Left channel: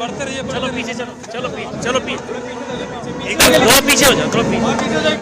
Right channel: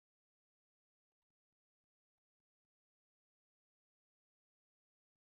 बढ़ते रहिए चलो पीछे चलो चलो चलो थोड़ा पीछे हो जाओ थोड़ा पीछे हो जाओ।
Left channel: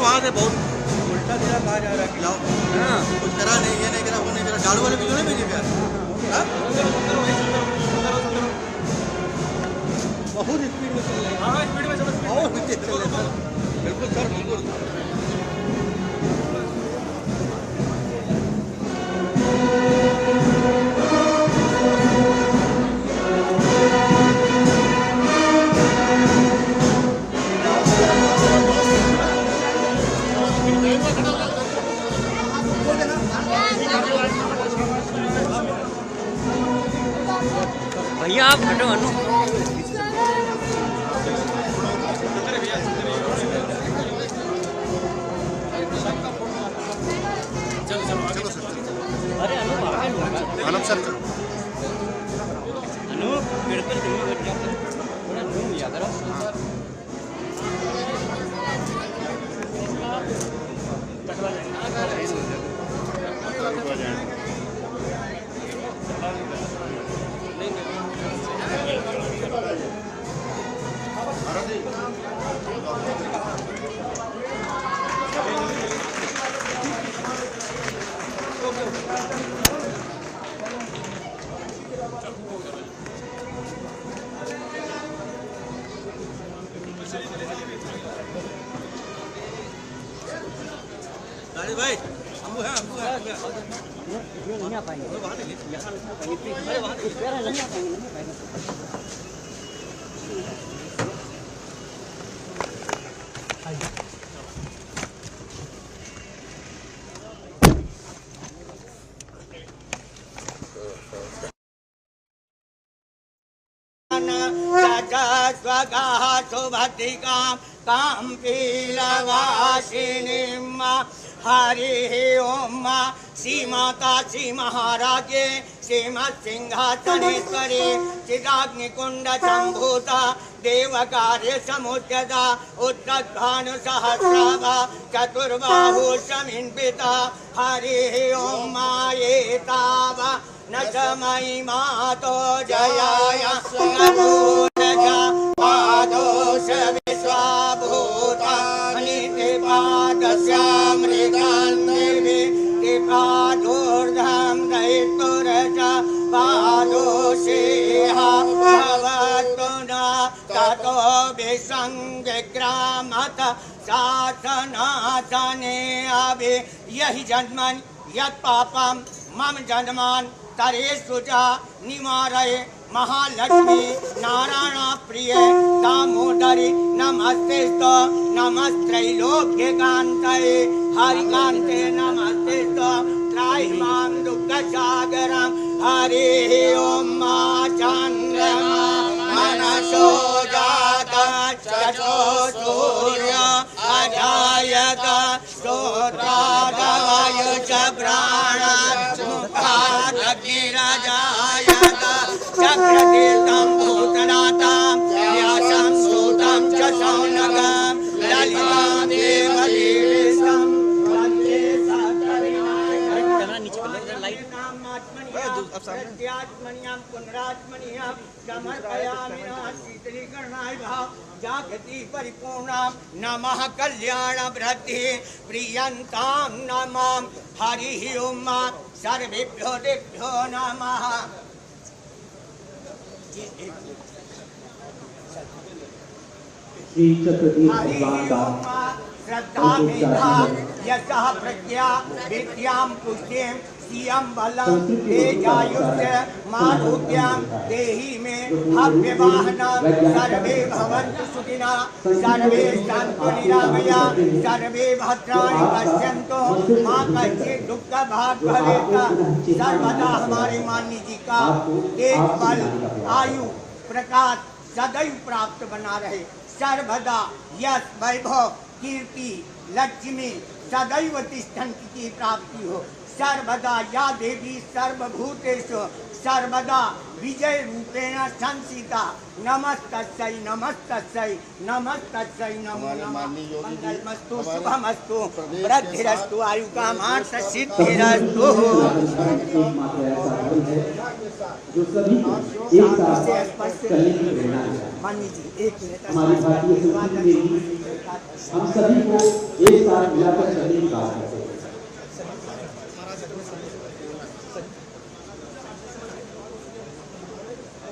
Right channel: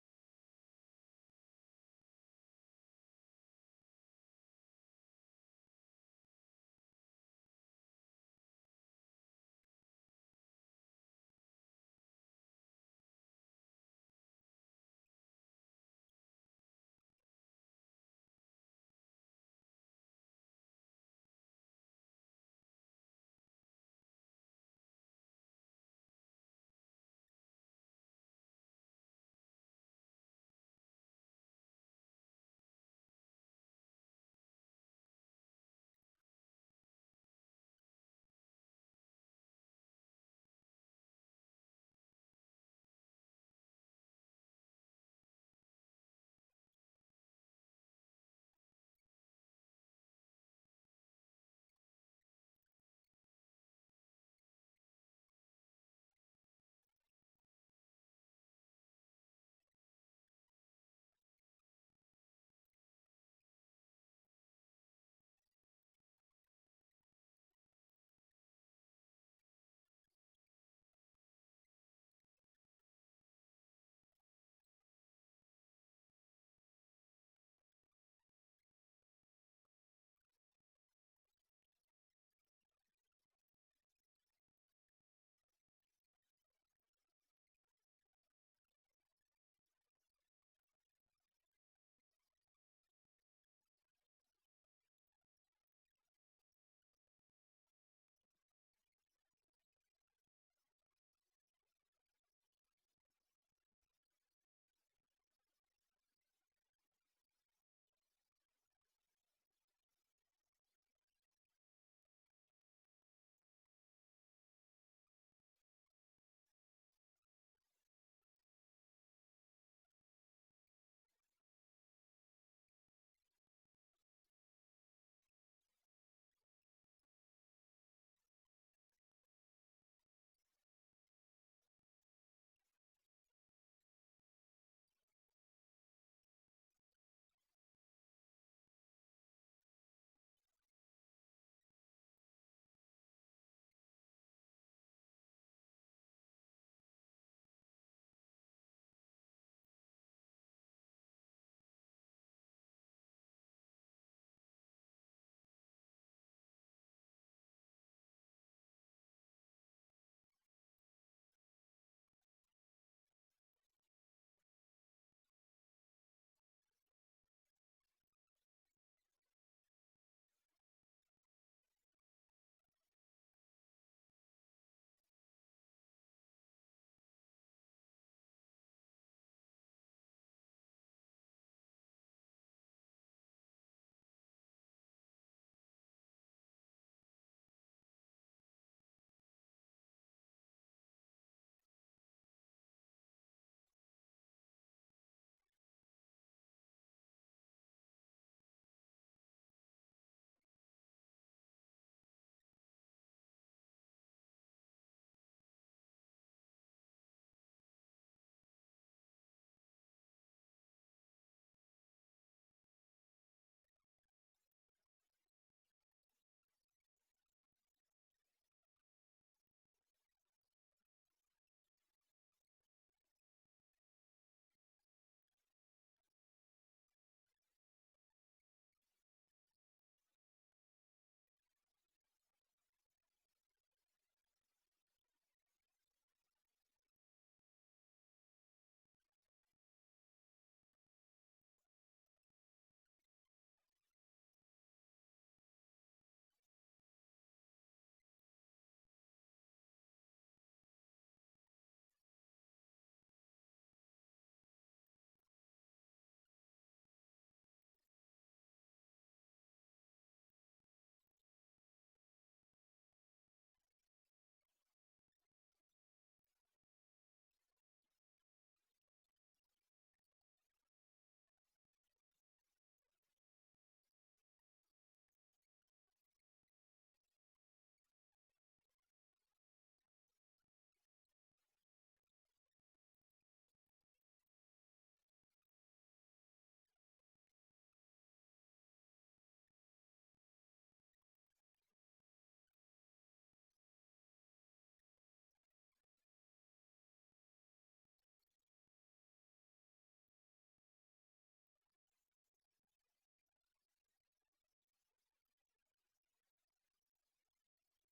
वहाँ से बहुत उल्टा सीधा कहा जा रहा है खिलाओ कुछ करा नहीं ये नहीं करा वो नहीं करा झाड़ू वाले वीडियो नहीं भेजे यार बहुत स्पीड में चल रहे हैं स्पीड में चल रहे हैं बिल्कुल सर बिल्कुल भैया आप हटो अनु अरे अनु आनंद सर अनु बिल्कुल थोड़ा ज़ूम याद करो भाई हम है नहीं आ पाएंगे, नहीं आ पाएंगे। काम पीलवासिनीम हरि ओम श्री माता श्री महाराजे श्रीमत्सिंहासनेश्वरी चिदाग्निकुंड संभूता देवकार्य समुद्यता उत्तभानु सहस्राभा चतुर्बाहु समिन्विता हरि ओम एतावा न च मयि मातो जयाय नमो न च पादोष विश्वाभूतानि ते पादस्यामृतान्निर्भि ते पादोर्धं दयितुरज पादोषेह भवतु न ततो विसङ्ग्रामत शासनासने अभि यहि जन्मन् यत् पापं मम जन्मान् तरेषु च निवारय महालक्ष्मी नारायण प्रिय दामोदरी नमस्तेस्तु नमस्त्रैलोक्यकान्तये हरिकान्ते नमस्तेस्तु त्राहिमां दुःखसागरं हरिः ओं चन्द्रमा मनसो जात चक्षो सूर्य अजायत श्रोत्रादवायु च प्राण मुखादग्निरजायत चक्रतीर्थं भूतनाथं व्यासं सूतं च शौनकं ललितां देवदेवीं वन्दे सत्यनारायणात्मन्यां पुनरात्मन्यां समर्पयामि शीतलीकरणाय भाव जागति परिपूर्णां नमः कल्याण वृद्धि प्रियन्तां नमां हरिः ओं सर्वेभ्यो देभ्यो नमः। श्री चक्रधीश भगवान का श्रद्धा मेधा यशः प्रज्ञा विद्यां पुष्टिं श्रियं बलं तेजायुष्य माधुर्यं देहि मे हव्यवाहनं सर्वे भवन्तु सुखिनः सर्वे सन्तु निरामयाः सर्वे भद्राणि पश्यन्तु मा कश्चित् दुःखभाग् भवेत्। सर्वदा हमारे माननीय जी का तेज बल आयु प्रकाश सदैव प्राप्त बना रहे। सर्वदा यश वैभव कीर्ति लक्ष्मी सदैव तिष्ठन्ति की प्राप्ति हो। सर्वदा या देवी सर्वभूतेषु सर्वदा विजय रूपेण संस्थिता। नमस्तस्यै नमस्तस्यै नमस्तस्यै नमो नमः। मंगलमस्तु शुभमस्तु वृद्धिरस्तु आयुकामार्थ सिद्धिरस्तु। जो सभी को एक साथ चलने की प्रेरणा है। हमारी भारतीय संस्कृति में भी हम सभी को एक साथ मिलाकर चलने की बात करते हैं।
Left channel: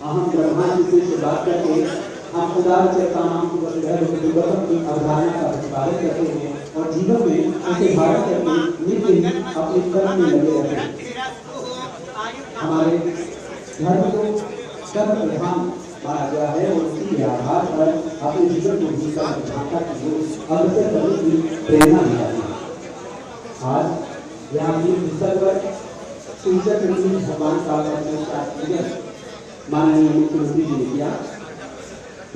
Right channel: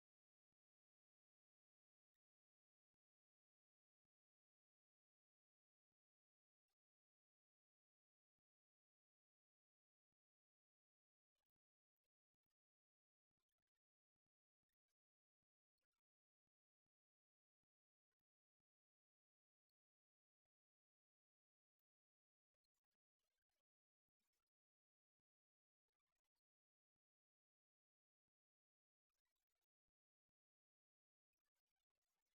हम ब्रह्मा जी से बात करके हम उदार चेतनाओं की अवधारणा का प्रतिपादन करते हैं और जीवन में उसे भारत करके नित्य ही अपने कर्म में लगे रहते हैं। हमारे धर्म को कर्म प्रधान माना गया है और उसी के आधार पर अपने जीवन को जीकर झांका की अग्रसर करने की प्रेरणा दी जाती है। आज यहाँ की पुस्तक पर भगवान का माननीय मुख्यमंत्री जी ने किया।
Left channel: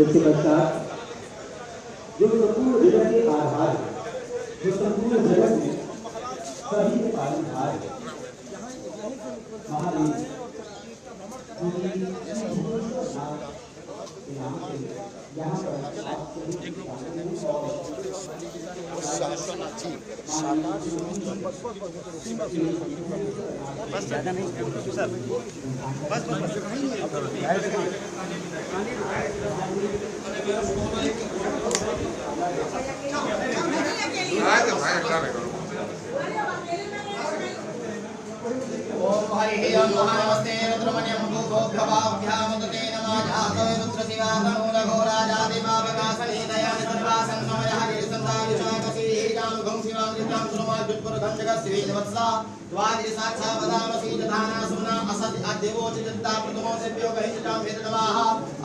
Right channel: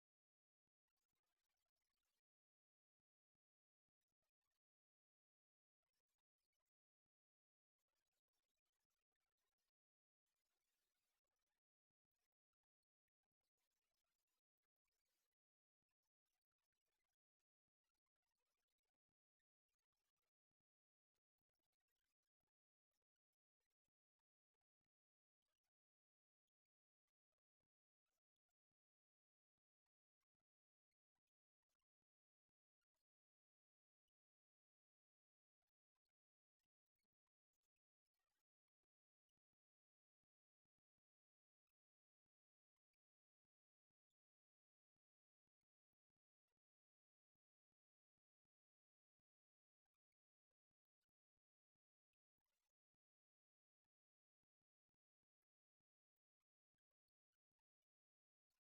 इसके पश्चात जो संपूर्ण जगत के आधार है, जो संपूर्ण जगत में सभी के पालनहार है, महादेव यहाँ पर ज़्यादा नहीं सर, बस नमस्ते रुद्रमण्यं भूभोग्भवाभ्यामुदते नमः जातो रुद्रशिवा तनूरघोराजादिमावकाशने दयानि सर्वासन्नमयः गिरिसन्धाविचाकसी हीतां घुं शिवां ऋतां सुरमाद्युत्पुरखं जगत्श्रीवत्सा द्वादशाक्षा वदामसि दधाना सुमना असद अद्यवो चित्ता प्रथमो दिव्यो गहिष्ठां वेदनमाः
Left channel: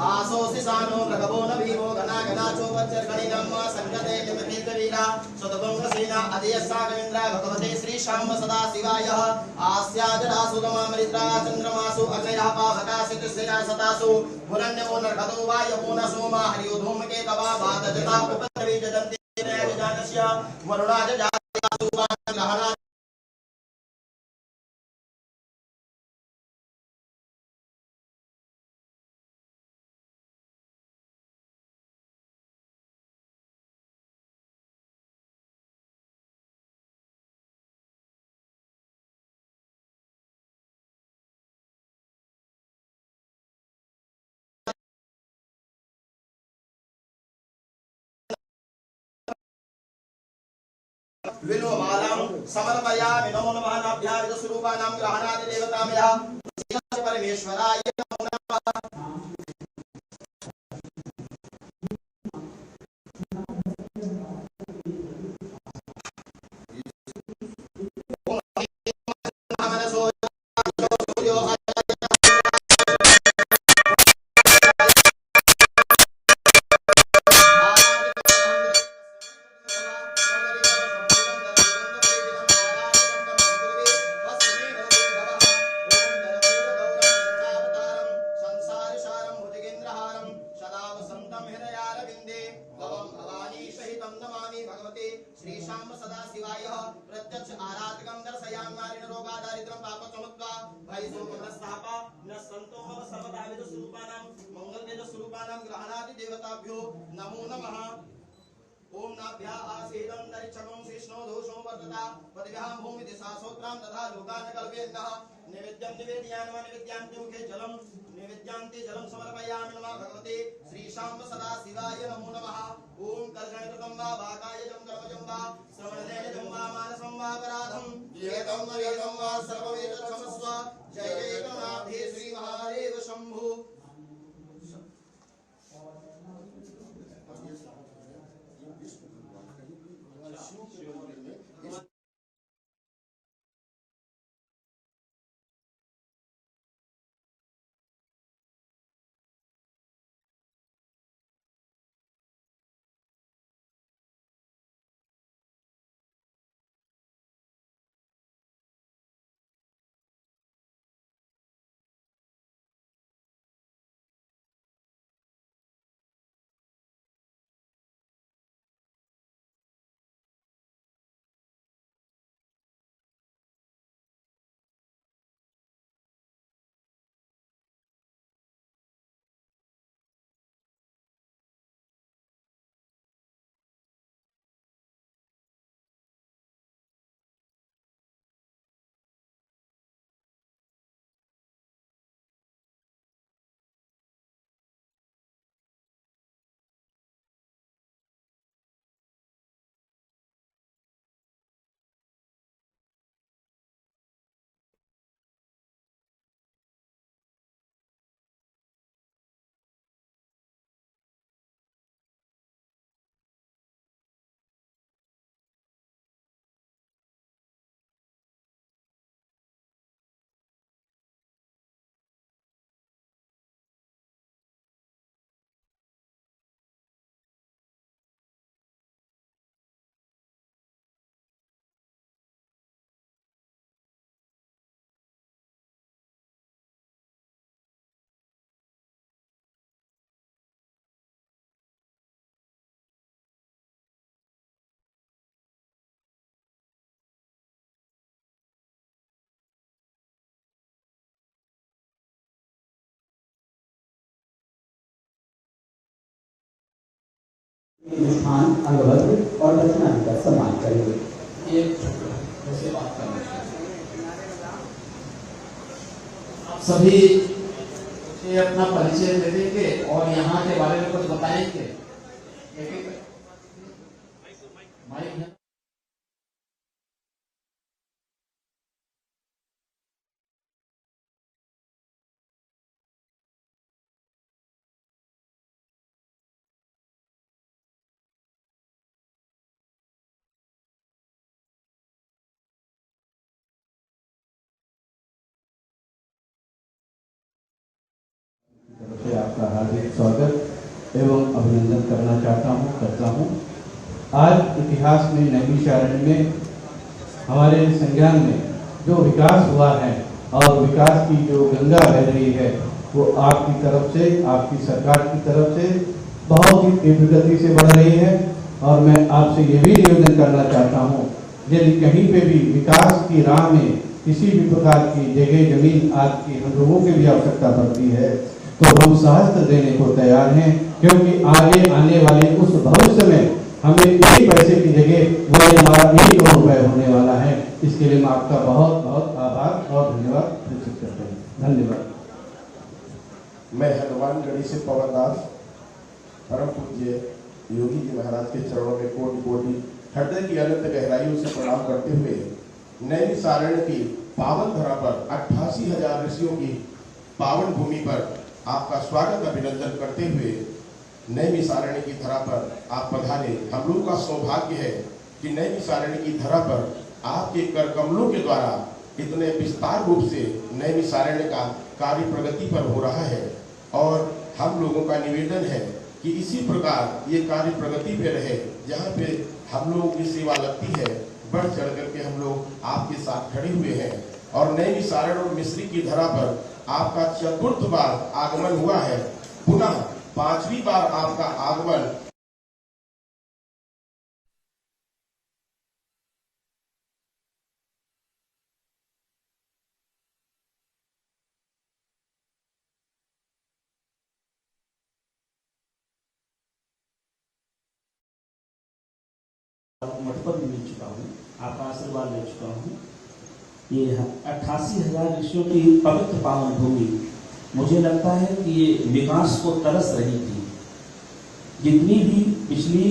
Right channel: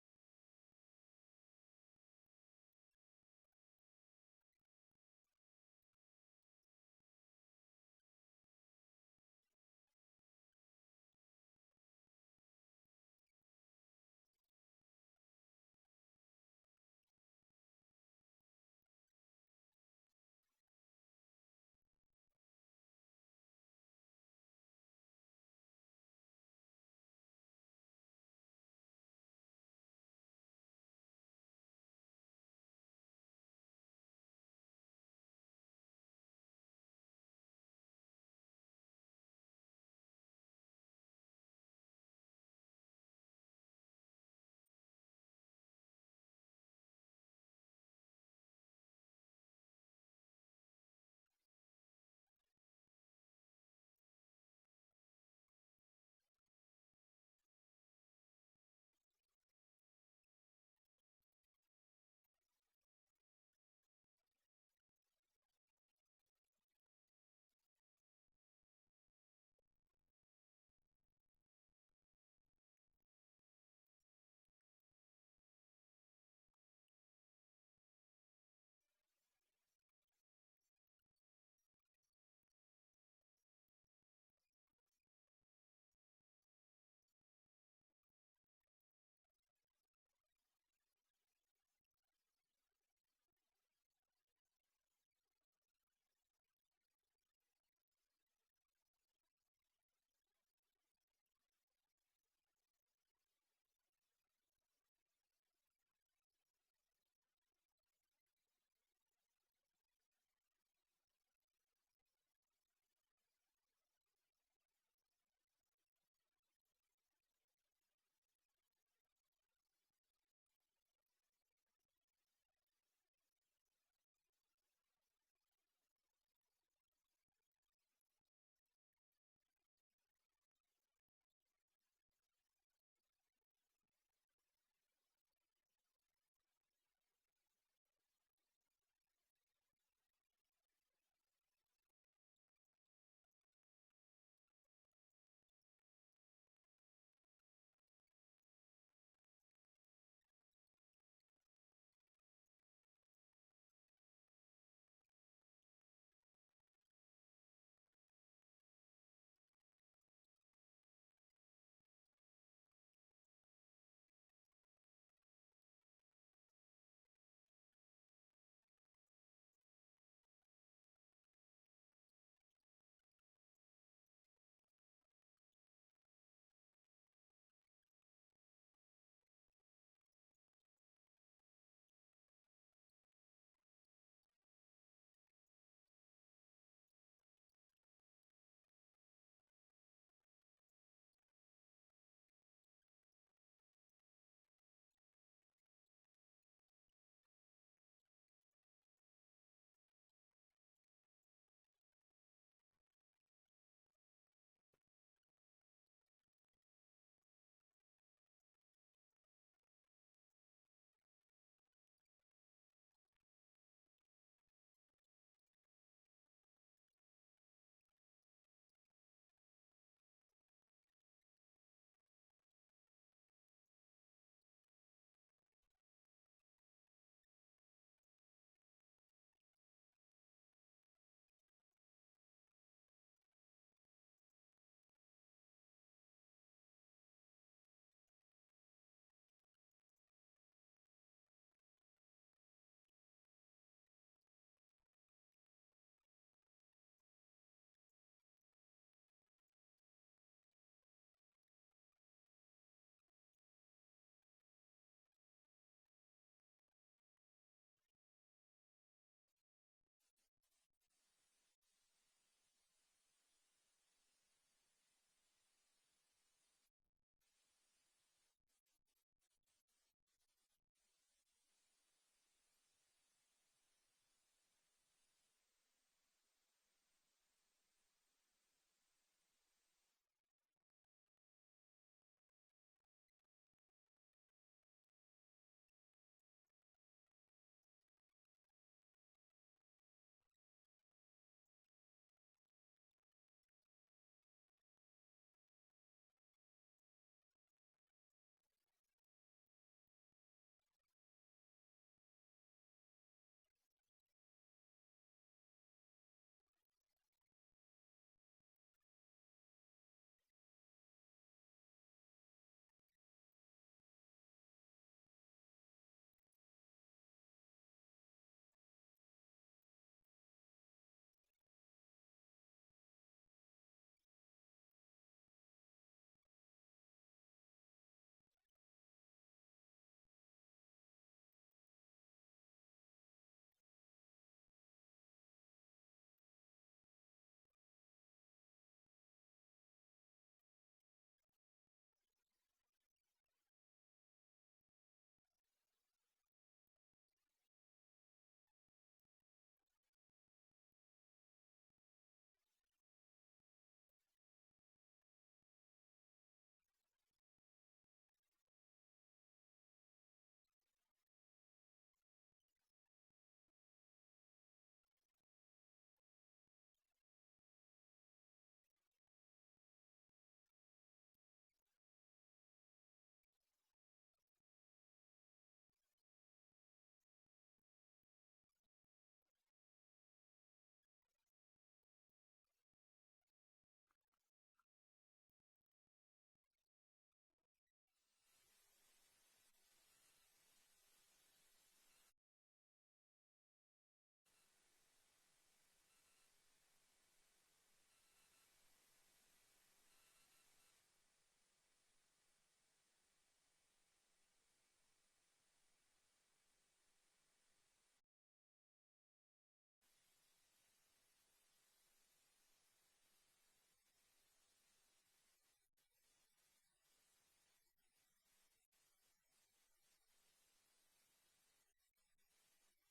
आसोसि सानो रघवो न भीमो घना घना चोपच्चर गणिनम संगते निमतीत वीरा सदभंग सेना अधीयसा गविन्द्र भगवते श्री श्याम सदा शिवाय आस्याजडा सुगमामृता चंद्रमासु अग्नयः पावकासित सेना सतासु पुरन्यो नरघतो वायवो न सोमा हरियो धूमके तवा बादजता उपद्रवी जदन्ति जानस्य वरुणाज जातासु ग्रहणा विलोमालं समर्पयामि नमो नमः नाभ्यां स्वरूपानां ग्रहणादि देवतामया परमेश्वराय नमो नमः। प्रत्यक्ष आराधकं दर्शयामि नारिण रोगादारिद्रं पापचमुत्वा भयसोमनस्तापा न संतोम सर्वदाविद स्वरूपानां मंगलवेद स्वरूपानां ग्रहणादि देवताभ्यो नमो नमः। ओम नाभ्या आसेदं तरिक्षकं कृष्णो दोषो वर्तता पदभ्यां भूमि दिशासोत्रां तथा लोकान् कल्पयन्तः नैवेद्यं निवेदयामि नैवेद्यान्ति मुखे जलं नैवेद्यान्ति जलं समर्पयामि नमः भगवते श्री श्याम सदा शिवाय नमो नमः। ओम कर्षणकृतं वा वाकाय जं कर्मजं वा श्रवणदेयजं वा मानसं वा अपराधं विहितं विहितं वा सर्वमेतत्क्षमस्व जय जय गणाधे श्री महादेव शंभु। स्थान अंगभद्र और दक्षिणादि का सम्मान करेंगे। सभी ये अपना परिचय दे देंगे और यहाँ के बारे में कुछ बताएंगे। माइक स्वागत एवं अभिनंदन करना करता हूँ। आज इतिहास में नैमिषारण्य में हमारे संज्ञान में जो विकास हुआ है और विकास की जो गंगा बह रही है वो आपकी तरफ से, आपकी सरकार की तरफ से बहुत ही तीव्र गति से बढ़ रही है। और मैं आपसे ये भी निवेदन करना चाहता हूँ, यदि कहीं पे भी विकास की राह में किसी भी प्रकार की जगह जमीन आदि की हम लोगों की भी आवश्यकता पड़ती है तो हम सहस्त्र देने को तैयार हैं, क्योंकि आगे आने वाले उस भविष्य में हमें एक पैसे की जगह वो हमारा 1 करोड़ रुपए होने वाला है। इसके लिए मैं आपका बहुत बहुत आभार और धन्यवाद प्रकट करता हूँ। धन्यवाद। मैं हनुमानगढ़ी से पवन दास परम पूज्य योगी जी महाराज के चरणों में कोटि कोटि हृदय की अनंत गहराइयों से प्रणाम करते हुए नैमिषारण्य की पावन धरा पर 88,000 ऋषियों की पावन भूमि पर आपका स्वागत अभिनंदन करते हुए नैमिषारण्य की धरा पर आप पधारे। हम लोग का सौभाग्य है कि नैमिषारण्य की धरा पर आपके कर कमलों के द्वारा इतने विस्तार रूप से नैमिषारण्य का कार्य प्रगति पर हो रहा है और हम लोगों का निवेदन है कि इसी प्रकार ये कार्य प्रगति पे रहे। जहाँ पे हम लोगों की सेवा लगती है बढ़ चढ़ करके हम लोग आपके साथ खड़े हुए हैं और नैमिषारण्य और मिस्री की धरा पर आपका 4th बार आगमन हुआ है, पुनः 5वीं बार आपका आगमन मठपद मिल चुका हूँ, आपका आशीर्वाद ले चुका हूँ। ये 88,000 ऋषियों की पवित्र पावन भूमि, मुझे लगता है कि ये विकास को तरस रही थी। जितनी भी पिछली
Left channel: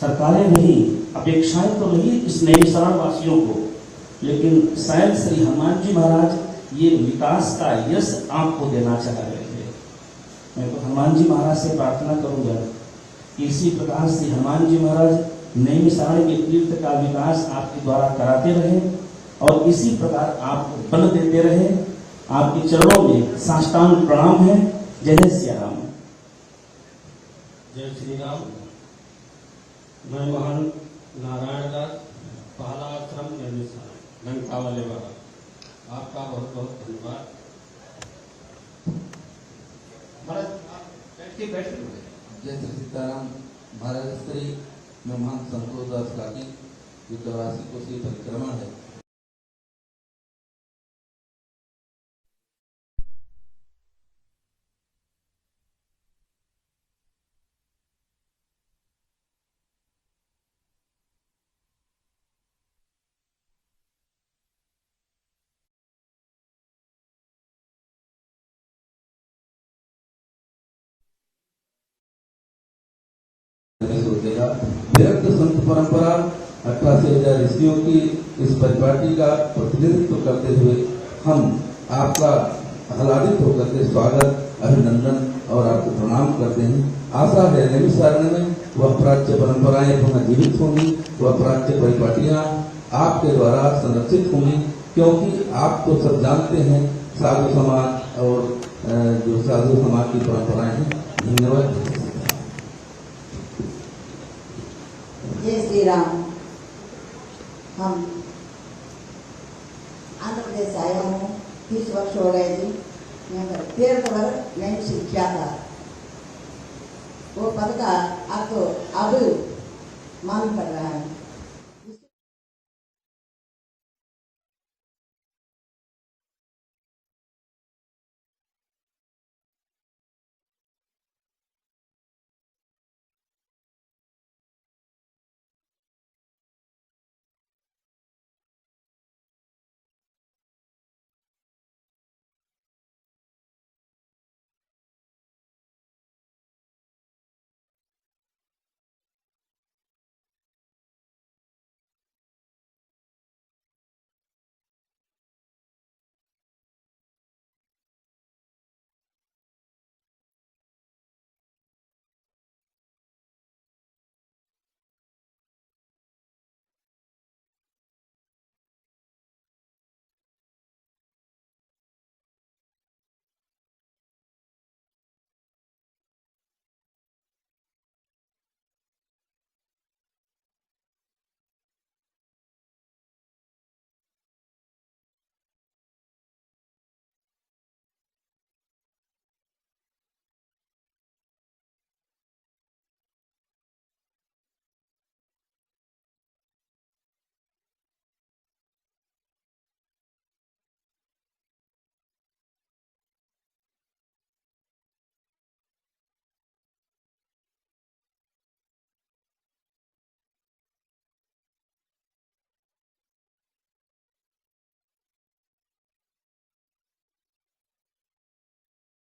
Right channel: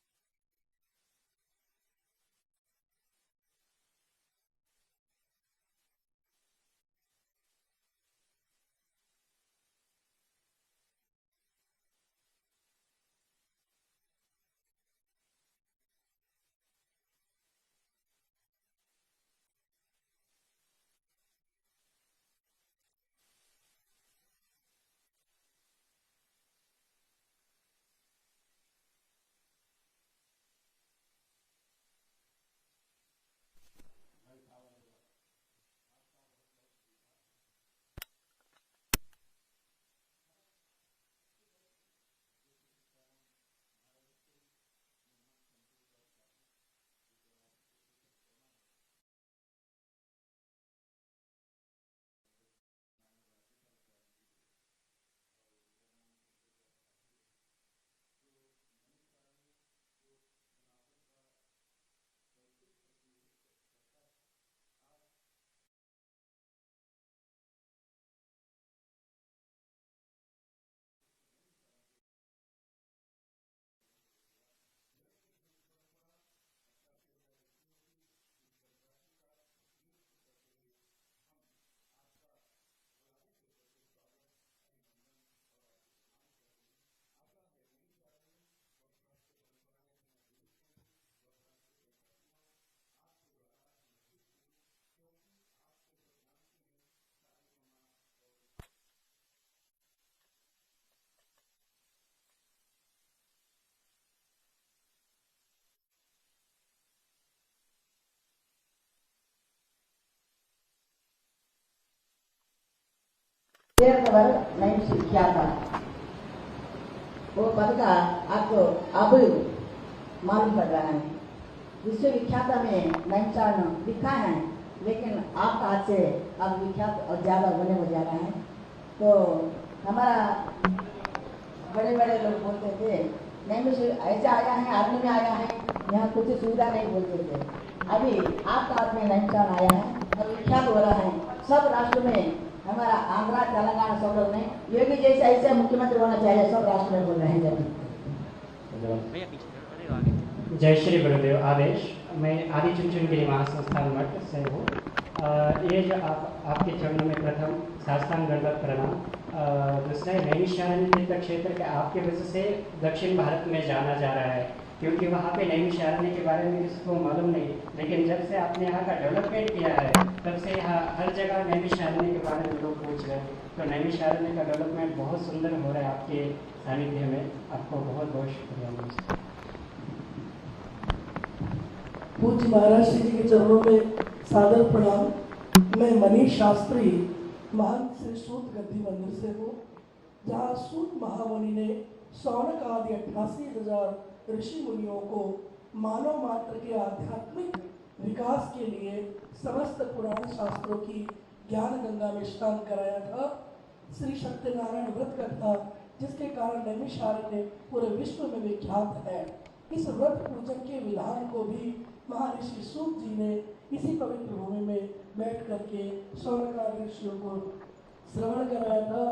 सरकारें रही, अपेक्षाएं तो रही इस नैमिषारण्य वासियों को, लेकिन शायद श्री हनुमान जी महाराज ये विकास का यश आपको देना चाह रहे थे। मैं तो हनुमान जी महाराज से प्रार्थना करूंगा कि इसी प्रकार से हनुमान जी महाराज नैमिषारण्य के तीर्थ का विकास आपके द्वारा कराते रहे और इसी प्रकार आपको बल देते रहे। आपके चरणों में साष्टांग प्रणाम है। जय जय श्री राम। जय श्री राम। मैं महान नारायण दास, पहला आश्रम नैमिषारण्य, लंका वाले वाला, आपका बहुत बहुत धन्यवाद। जय श्री सीताराम। महाराज श्री मैं महान संतोष दास काकी, जो 84 कोशीय परिक्रमा है। विरक्त संत परंपरा 88,000 ऋषियों की इस परिपाटी का प्रतिनिधित्व करते हुए हम आपका आह्लादित होकर के स्वागत, अभिनंदन और आपको प्रणाम करते हैं। आशा है नैमिषारण्य में वह प्राच्य परंपराएं पुनः जीवित होंगी, वह प्राच्य परिपाटियां आपके द्वारा संरक्षित होंगी, क्योंकि आप तो सब जानते हैं साधु समाज और जो साधु समाज की परंपराएं हैं। धन्यवाद। जय श्री राम। हम आंध्र प्रदेश से आया हूँ, 30 वर्ष हो गए थे। यहाँ पर तीर्थ भर नहीं सीखा था, वो पद का अब मालूम पड़ रहा है। विश्वविख्यात में नैमिषारण्य लिखा है, लेकिन आपका हाथ से अब विख्यात और ज़्यादा होने को जा रहा है। तो हमारा बड़े बड़े लोग बोलते थे नैमिषारण्य ऐसा आया है, आदमी में आया है, यहाँ कुछ सुविधा नहीं बोलते थे। अभी आपका हाथ में नैमिषारण्य आया है और विख्यात हो रहा है सब राष्ट्र में। हमारा आंध्रा, तेलंगाना सब लोग में योगी जैसे ऐसे मुख्यमंत्री होना चाहिए, सब राष्ट्र में बोल रहे हैं। जय श्री गुरुदेव आदेश। मैं आदि चुनचुनगिरी महासंस्थान मठ से हूँ। ये जो आपके चरणों में प्रथम साष्टांग दंडवत प्रणाम। दूसरा नैमिषारण्य तीर्थ क्षेत्र के आपके वजह से दक्षिण भारत में जाना जा रहा है। क्योंकि वहाँ पे नैमिषारण्य के बारे में किसी को मालूम नहीं। लेकिन जब से आपने यहाँ का डेवलपमेंट किया है तब से यहाँ हर जगह नैमिषारण्य के बारे में लोग पूछ रहे हैं। तो नैमिषारण्य का डेवलपमेंट बहुत सुंदर हो रहा है आपके सानिध्य में। आपको बहुत बहुत शुक्रिया। पूज्य महाराज श्री जी के चरणों में सादर प्रणाम। मैं मनीष शास्त्री महान श्री सूत गद्दी मंदिर से हूँ, जहाँ सूत महामुनि ने सौनक आदि 88,000 ऋषि मुनियों को मानव मात्र के आध्यात्मिक विकास के लिए समस्त पुराण शास्त्रों की ज्ञान गंगा में स्नान कराया था। श्री सत्यनारायण व्रत कथा, जिसके कारण नैमिषारण्य पूरे विश्व में विख्यात है। इस व्रत पूजन के विधान को भी महर्षि सूत जी ने इसी पवित्र भूमि में बैठ करके सौनकादि ऋषियों को श्रवण कराया था।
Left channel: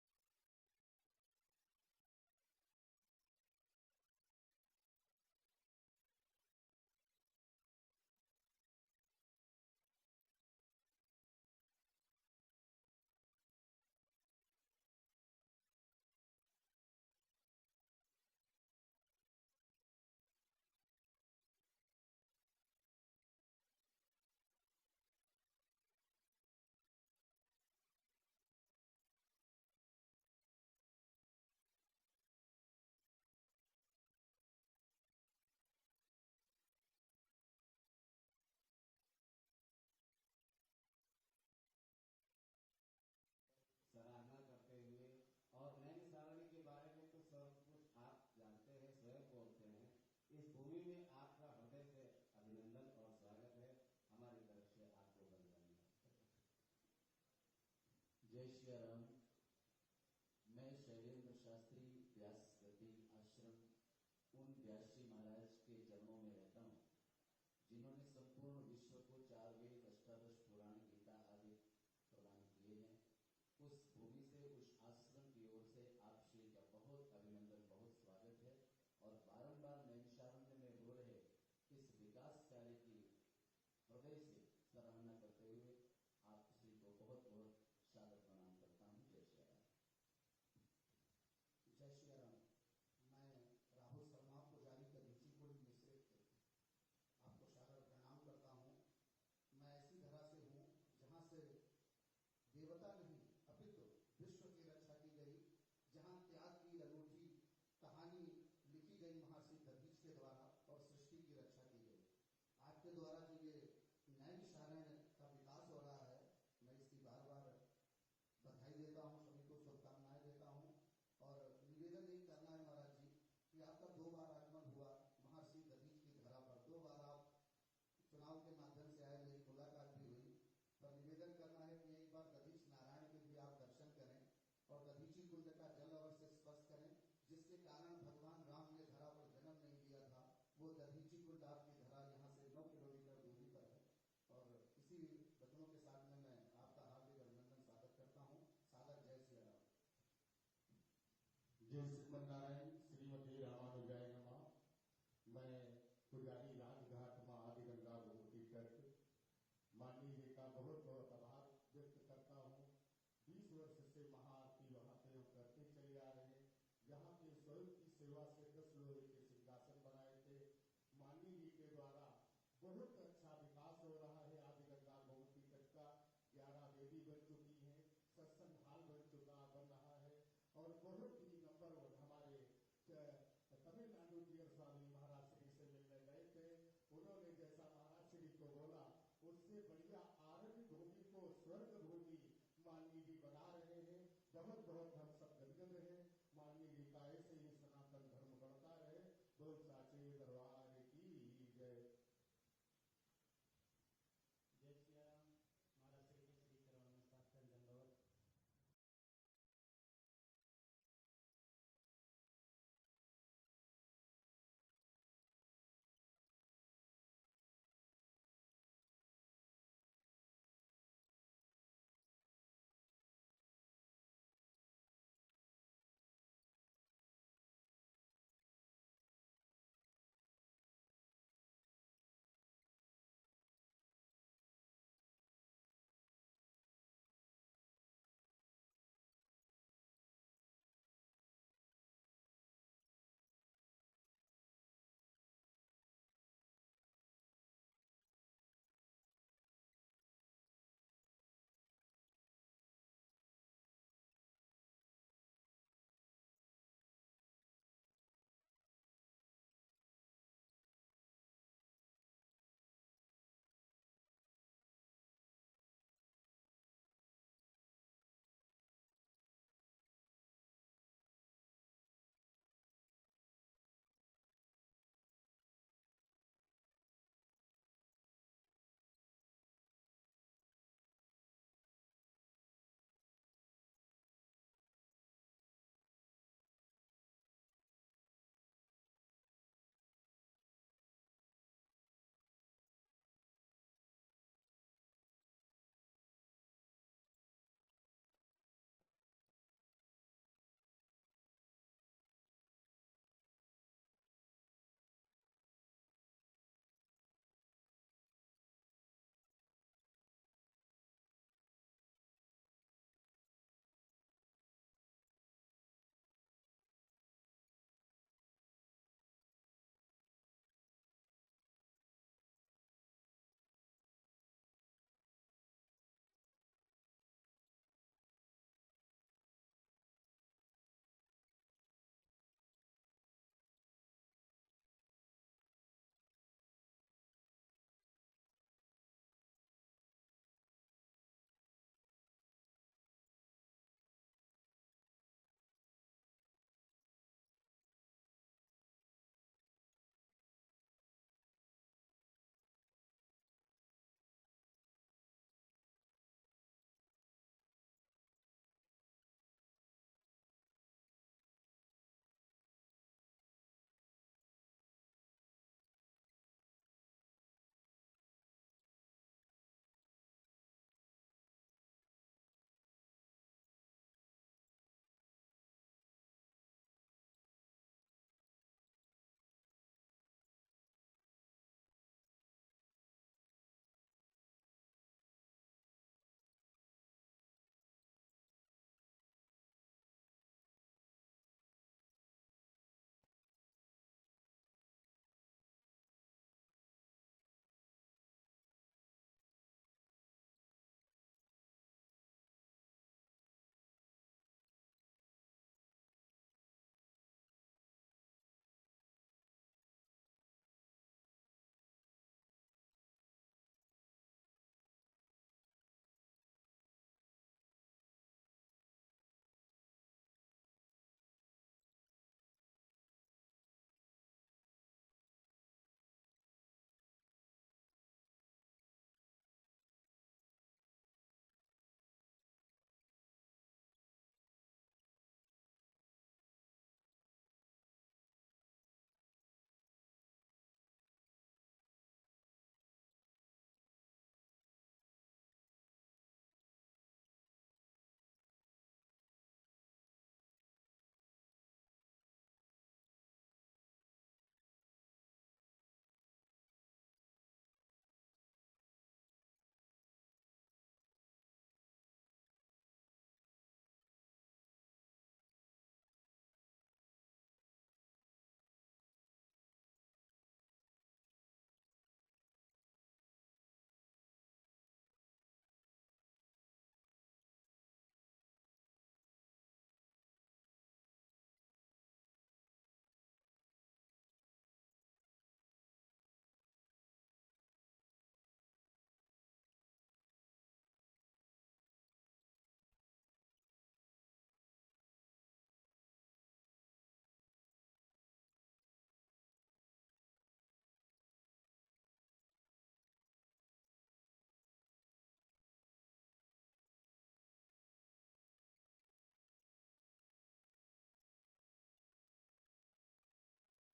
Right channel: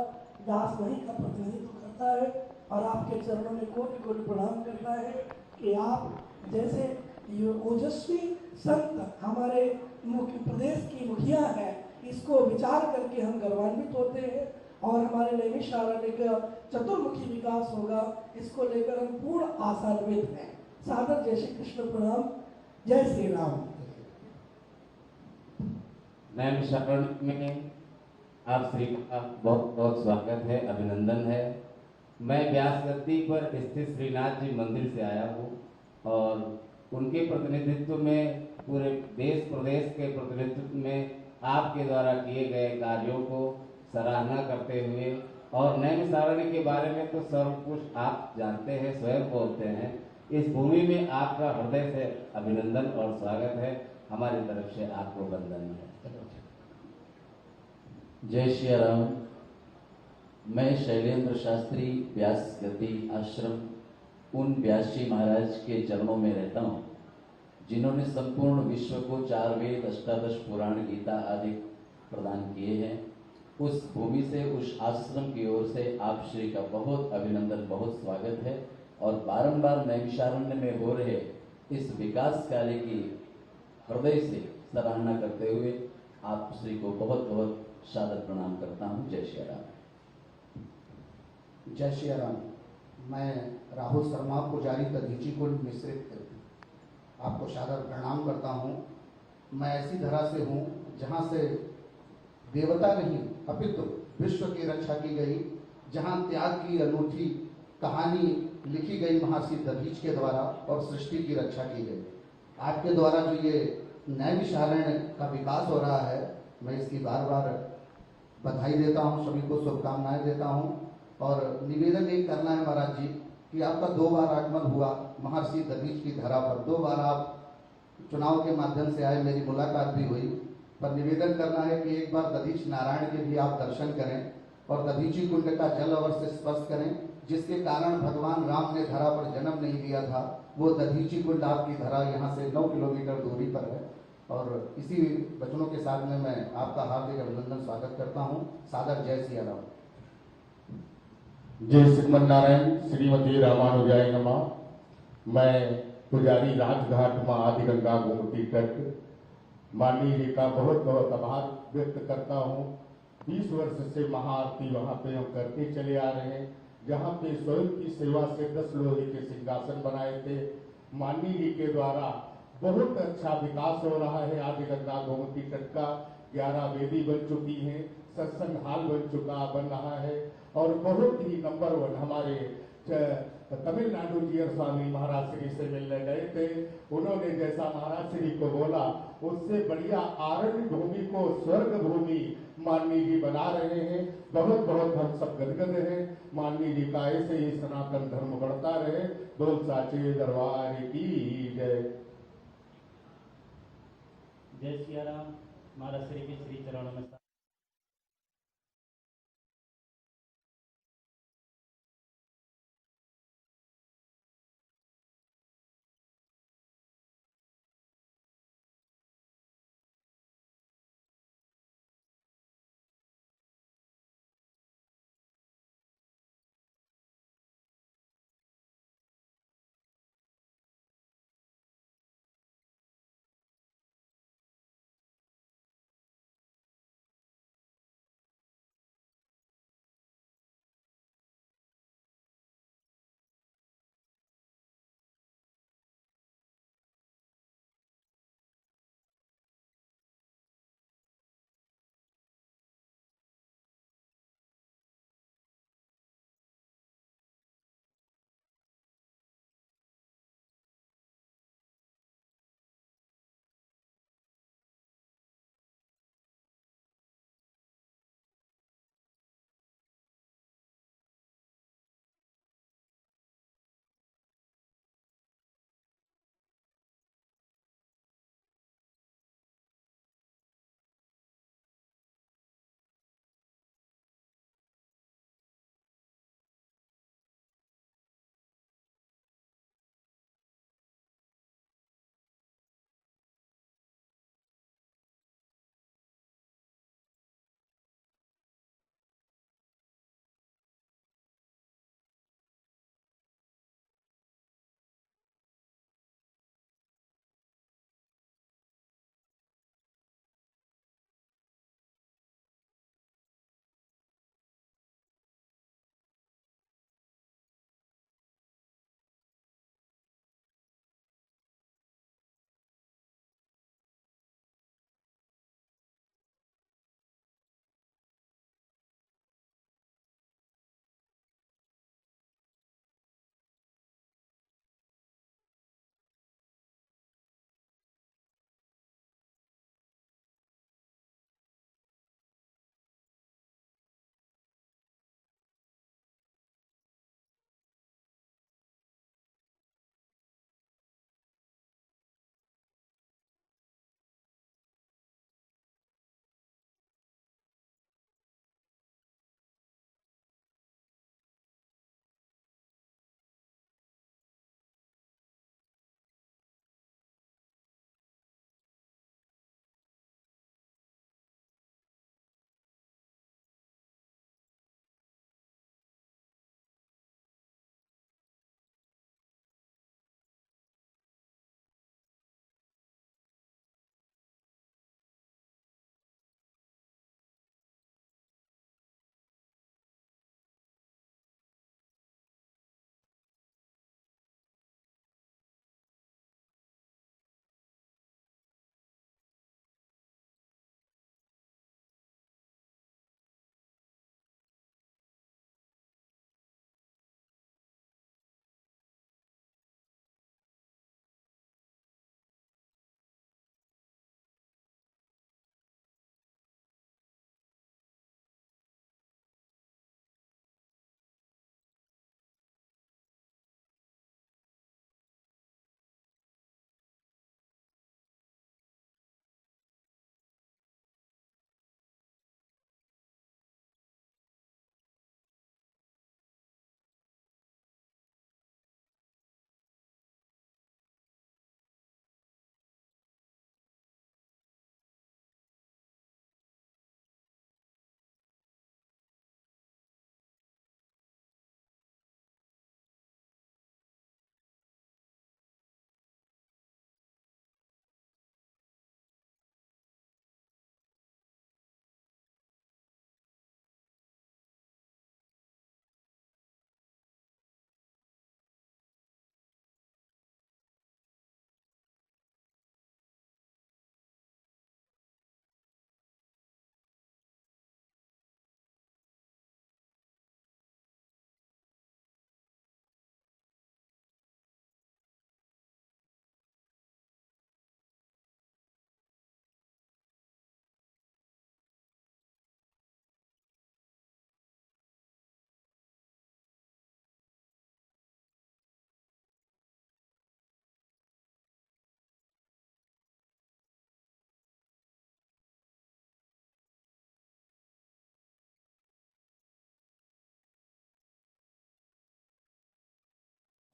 दास वहीं का प्रतिनिधित्व करता है और आपके चरणों में कोटि कोटि प्रणाम करता है कि आप जैसे ओजस्वी संत हमारे मुख्य प्रदेश की मुखिया हैं, इसको विचार करके हम गर्वान्वित होते हैं और हमारे नैमिषारण्य का चतुर्मुखी विकास होगा, इसको लेकर हम पूर्ण आशान्वित हैं। सादर जय श्री कृष्ण प्रणाम। जय श्री राम। नैमिषारण्य में आप श्री का बहुत बहुत स्वागत है, अभिनंदन है। मैं व्यास गद्दी पर स्थित श्रीनाथ जी मंदिर से आया हूँ और उनके प्रतिनिधित्व में पूरे देश प्रदेश के प्रतिनिधित्व में आपके द्वारा किए गए कार्यों को सराहना करते हुए, और नैमिषारण्य के बारे में तो सब कुछ आप जानते हैं, स्वयं बोलते हैं। इस भूमि में आपका हृदय से अभिनंदन और स्वागत है। हमारी तरफ से आपको वंदन है। जय श्री राम। मैं शैलेंद्र शास्त्री व्यास गद्दी आश्रम उन व्यास जी महाराज के चरणों में रहता हूँ, जिन्होंने संपूर्ण विश्व को 4 वेद, 18 पुराण, गीता आदि प्रदान किए हैं। उस भूमि से, उस आश्रम की ओर से आप श्री का बहुत अभिनंदन, बहुत स्वागत है और बारंबार नैमिषारण्य में हो रहे इस विकास कार्य की हृदय से सराहना करते हुए आप श्री को बहुत बहुत सादर प्रणाम करता हूँ। जय श्री राम। जय श्री राम। मैं राहुल शर्मा, पुजारी दधीची कुंड मिश्रित, आपको सादर प्रणाम करता हूँ। मैं ऐसी धरा से हूँ जहाँ से देवता नहीं अपितु विश्व की रक्षा की गई, जहाँ त्याग की अनूठी कहानी लिखी गई महर्षि दधीच के द्वारा और सृष्टि की रक्षा की गई। आपके द्वारा जो ये नैमिषारण्य का विकास हो रहा है, मैं इसकी बार बार बधाई देता हूँ, सभी को शुभकामनाएं देता हूँ। और निवेदन एक करना है महाराज जी कि आपका 2 बार आगमन हुआ महर्षि दधीच की धरा पर, 2 बार आप चुनाव के माध्यम से आए, मेरी मुलाकात भी हुई। पर निवेदन करना है कि एक बार दधीच नारायण के भी आप दर्शन करें और दधीची कुंड का जल अवश्य स्पर्श करें, जिसके कारण भगवान राम ने धरा पर जन्म नहीं लिया था। वो दधीची कुंड आपकी धरा यहाँ से 9 किलोमीटर दूरी पर है। और इसी वचनों के साथ में मैं आपका हार्दिक अभिनंदन स्वागत करता हूँ। सादर जय सिया राम। जय श्रीमन्नारायण, श्रीमती रामानुजाय नमः। मैं पुजारी राजघाट माँ आदि गंगा गोमती तट माननीय जी का बहुत बहुत आभार व्यक्त करता हूँ। 20 वर्ष से महाआरती वहाँ पे हम करते चले आ रहे हैं, जहाँ पे स्वयं की सेवा से 10 लोहे के सिंहासन बनाए थे। माननीय जी के द्वारा बहुत अच्छा विकास हो रहा है। आदि गंगा गोमती तट का 11 वेदी बन चुकी हैं, सत्संग हाल बन रहा है और बहुत ही नंबर 1 हमारे तमिलनाडु जी और स्वामी महाराज श्री से मिलने गए थे। उन्होंने जैसा महाराज श्री को बोला, उससे बढ़िया आरण्य भूमि को स्वर्ग भूमि माननीय जी बना रहे हैं। बहुत बहुत हम सब गदगद हैं। माननीय जी का ऐसे ही सनातन धर्म बढ़ता रहे। बोल साचे दरबार की जय। जय सिया राम। महाराज श्री के श्री चरणों में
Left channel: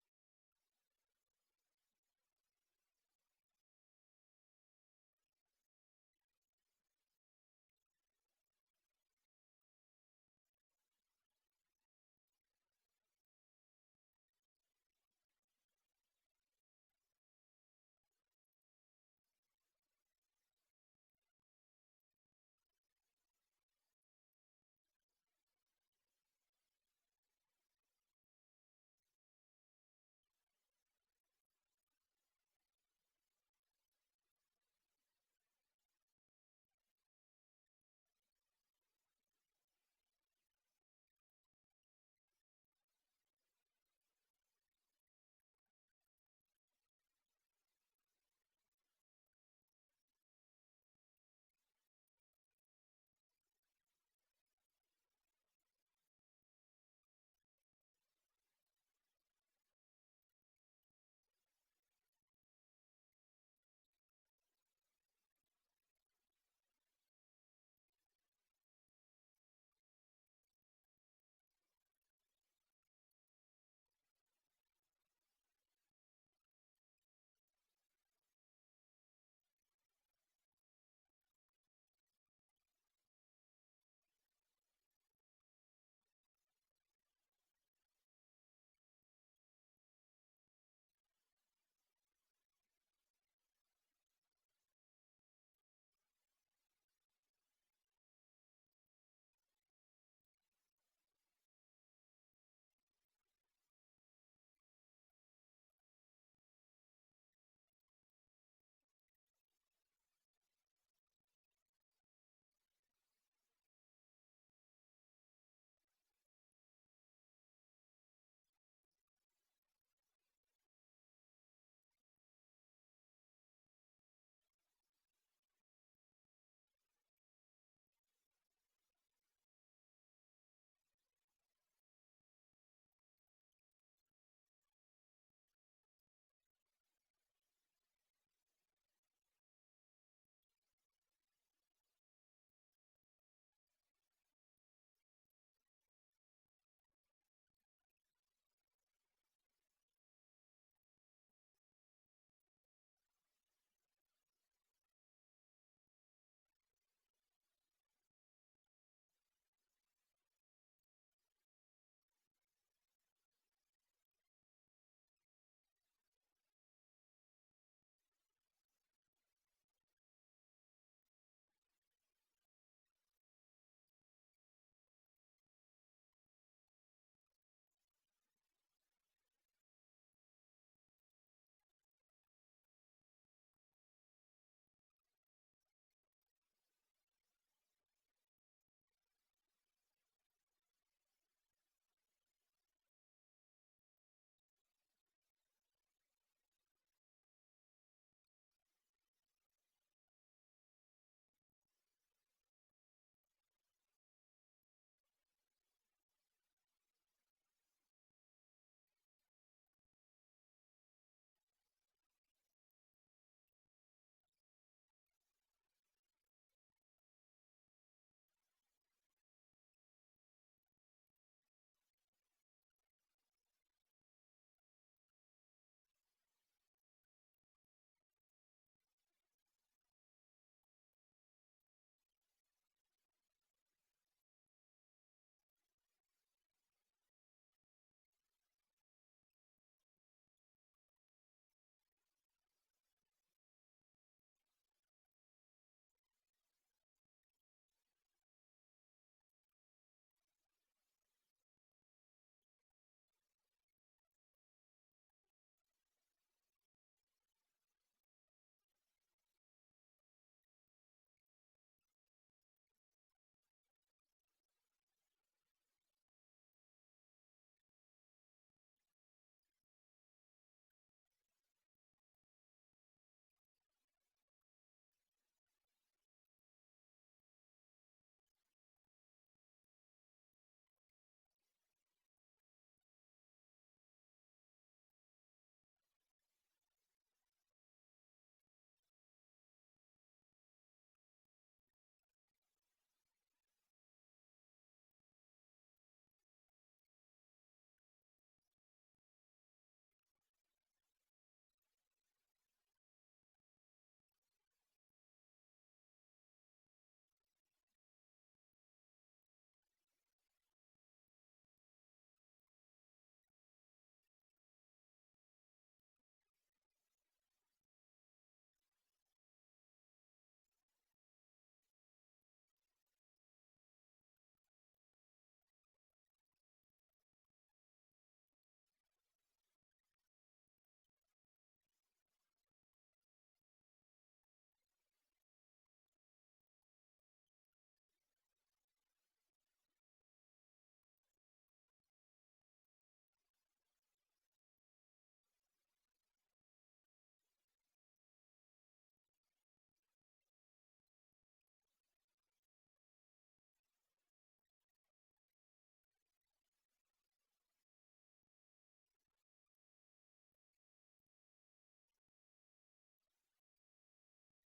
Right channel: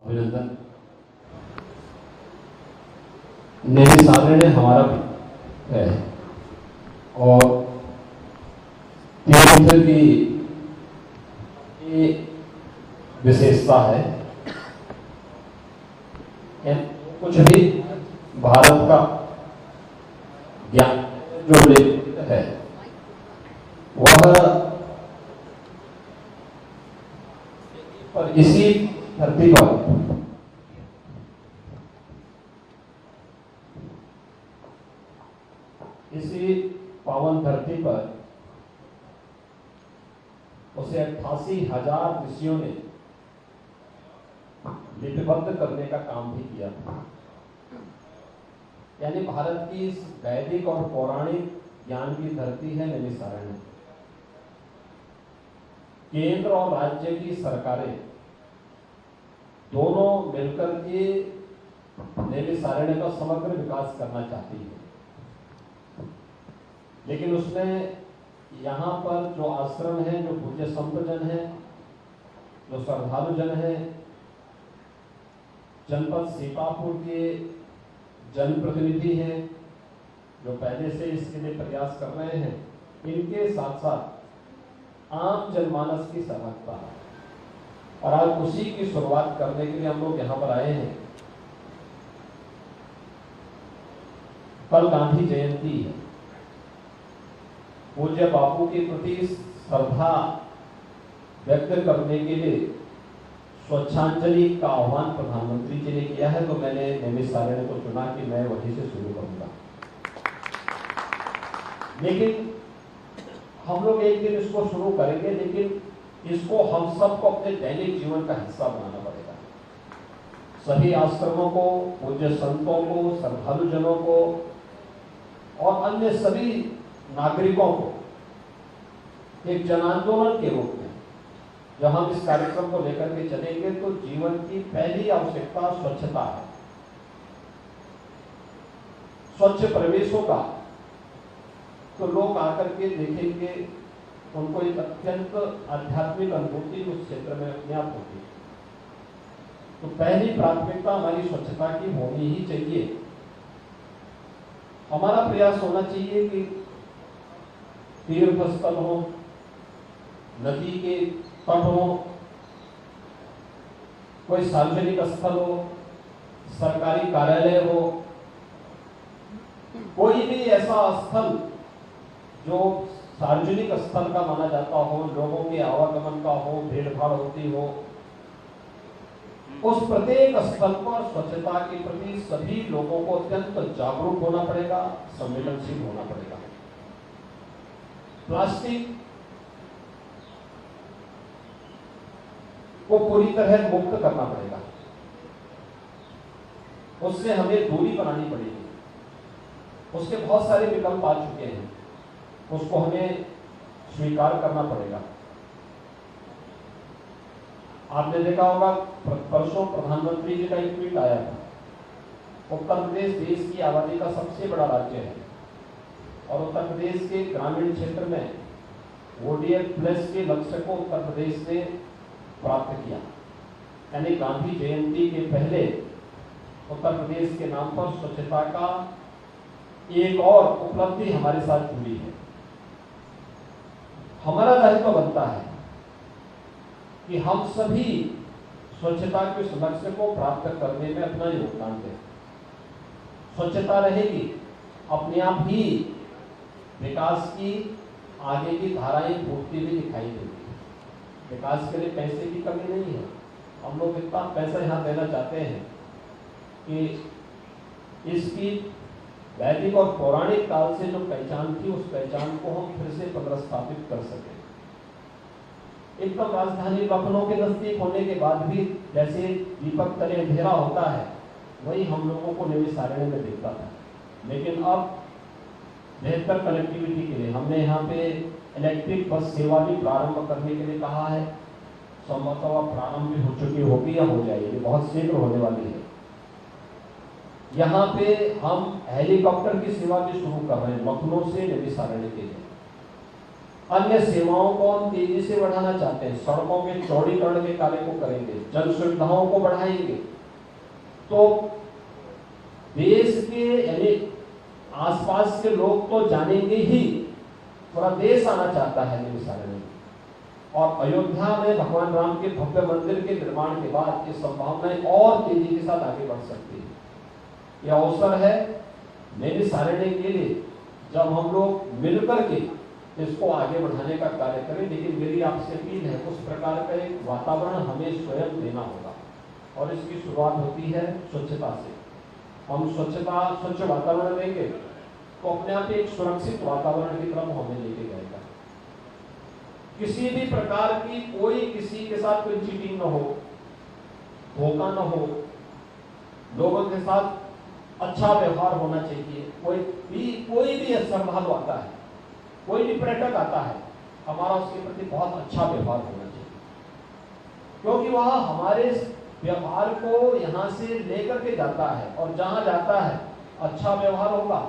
अभिनंदन। नैमिषारण्य हमारा है और तीर्थ की विशेषता है। कुछ भी भारत का ज्ञान जो है वह पर इसी धरती पर इसी पावन धरती पर उसे 88,000 ऋषियों ने लिपिबद्ध करने का काम भी किया था। यानी भारत की इस वैदिक और पौराणिक ज्ञान की धरती है नैमिषारण्य। केंद्र और राज्य की सरकारें दोनों मिलकर के नैमिषारण्य का समग्र विकास करना चाहती है, लेकिन उसमें यहाँ पर जो आश्रम है, जो पूज्य संत जन है, जो श्रद्धालु जन है, जनपद सीतापुर के जनप्रतिनिधि हैं जो पहले से इसके लिए प्रयास कर रहे हैं, इनके साथ साथ आम जनमानस की सहभागिता है। और आज उसी की शुरुआत करने के लिए हम लोग यहाँ पर आए हैं। कल गांधी जयंती है। पूज्य बापू के प्रति श्रद्धा व्यक्त करने के लिए स्वच्छांजलि का आह्वान प्रधानमंत्री जी ने किया है, तो मैंने नैमिषारण्य को चुना कि मैं वहीं से शुरू करूंगा। लेकिन हम लोग एक दिन इसको शुरू करेंगे, लेकिन इसको हम सबको अपने दैनिक जीवन का हिस्सा बनाना पड़ेगा। सभी आश्रमों को, पूज्य संतों को, श्रद्धालु जनों को और अन्य सभी नागरिकों को एक जन आंदोलन के रूप में जब हम इस कार्यक्रम को लेकर के चलेंगे, तो जीवन की पहली आवश्यकता स्वच्छता है। स्वच्छ प्रवेश होगा तो लोग आकर के देखेंगे, उनको एक अत्यंत आध्यात्मिक अनुभूति उस क्षेत्र में अपने आप होगी। तो पहली प्राथमिकता हमारी स्वच्छता की होनी ही चाहिए। हमारा प्रयास होना चाहिए कि तीर्थ स्थल हो, नदी के तट हो, कोई सार्वजनिक स्थल हो, सरकारी कार्यालय हो, कोई भी ऐसा स्थल जो सार्वजनिक स्थल का माना जाता हो, लोगों के आवागमन का हो, भीड़ भाड़ होती हो, उस प्रत्येक स्थल पर स्वच्छता के प्रति सभी लोगों को अत्यंत जागरूक होना पड़ेगा, संवेदनशील होना पड़ेगा। प्लास्टिक को पूरी तरह मुक्त करना पड़ेगा, उससे हमें दूरी बनानी पड़ेगी। उसके बहुत सारे विकल्प आ चुके हैं, उसको हमें स्वीकार करना पड़ेगा। आपने देखा होगा परसों प्रधानमंत्री जी का एक ट्वीट आया था। उत्तर प्रदेश देश की आबादी का सबसे बड़ा राज्य है और उत्तर प्रदेश के ग्रामीण क्षेत्र में ODF+ के लक्ष्य को उत्तर प्रदेश ने प्राप्त किया। यानी गांधी जयंती के पहले उत्तर प्रदेश के नाम पर स्वच्छता का एक और उपलब्धि हमारे साथ जुड़ी है। हमारा दायित्व बनता है कि हम सभी स्वच्छता के उस लक्ष्य को प्राप्त करने में अपना योगदान दें। स्वच्छता रहेगी, अपने आप ही विकास की आगे की धाराएं फूटती हुई दिखाई देगी। विकास के लिए पैसे की कमी नहीं है। हम लोग इतना पैसा यहाँ देना चाहते हैं कि इसकी वैदिक और पौराणिक काल से जो पहचान थी, उस पहचान को हम फिर से पुनर्स्थापित कर सकें। एकदम राजधानी लखनऊ के नजदीक होने के बाद भी जैसे दीपक तले अंधेरा होता है, वही हम लोगों को नैमिषारण्य में दिखता था। लेकिन अब बेहतर कनेक्टिविटी के लिए हमने यहाँ पे इलेक्ट्रिक बस सेवा भी प्रारंभ करने के लिए कहा है। संभवतः प्रारंभ भी हो चुकी होगी या हो जाएगी, बहुत शीघ्र होने वाली है। यहाँ पे हम हेलीकॉप्टर की सेवा भी शुरू कर रहे हैं लखनऊ से नैमिषारण्य के लिए। अन्य सेवाओं को हम तेजी से बढ़ाना चाहते हैं, सड़कों के चौड़ीकरण के कार्य को करेंगे, जन सुविधाओं को बढ़ाएंगे। तो देश के यानी आसपास के लोग तो जानेंगे ही, पूरा देश आना चाहता है नैमिषारण्य। और अयोध्या में भगवान राम के भव्य मंदिर के निर्माण के बाद ये संभावनाएं और तेजी के साथ आगे बढ़ सकती है। यह अवसर है नैमिषारण्य के लिए जब हम लोग मिलकर के इसको आगे बढ़ाने का कार्य करें। लेकिन मेरी आपसे अपील है, उस प्रकार का एक वातावरण हमें स्वयं देना होगा और इसकी शुरुआत होती है स्वच्छता से। हम स्वच्छ वातावरण देंगे तो अपने आप एक सुरक्षित वातावरण की तरफ हमें लेके जाएगा। किसी भी प्रकार की कोई किसी के साथ कोई चीटिंग न हो, धोखा न हो, लोगों के साथ अच्छा व्यवहार होना चाहिए। कोई भी श्रद्धालु आता है, कोई भी पर्यटक आता है, हमारा उसके प्रति बहुत अच्छा व्यवहार होना चाहिए, क्योंकि वह हमारे व्यवहार को यहाँ से लेकर के जाता है और जहाँ जाता है अच्छा व्यवहार होगा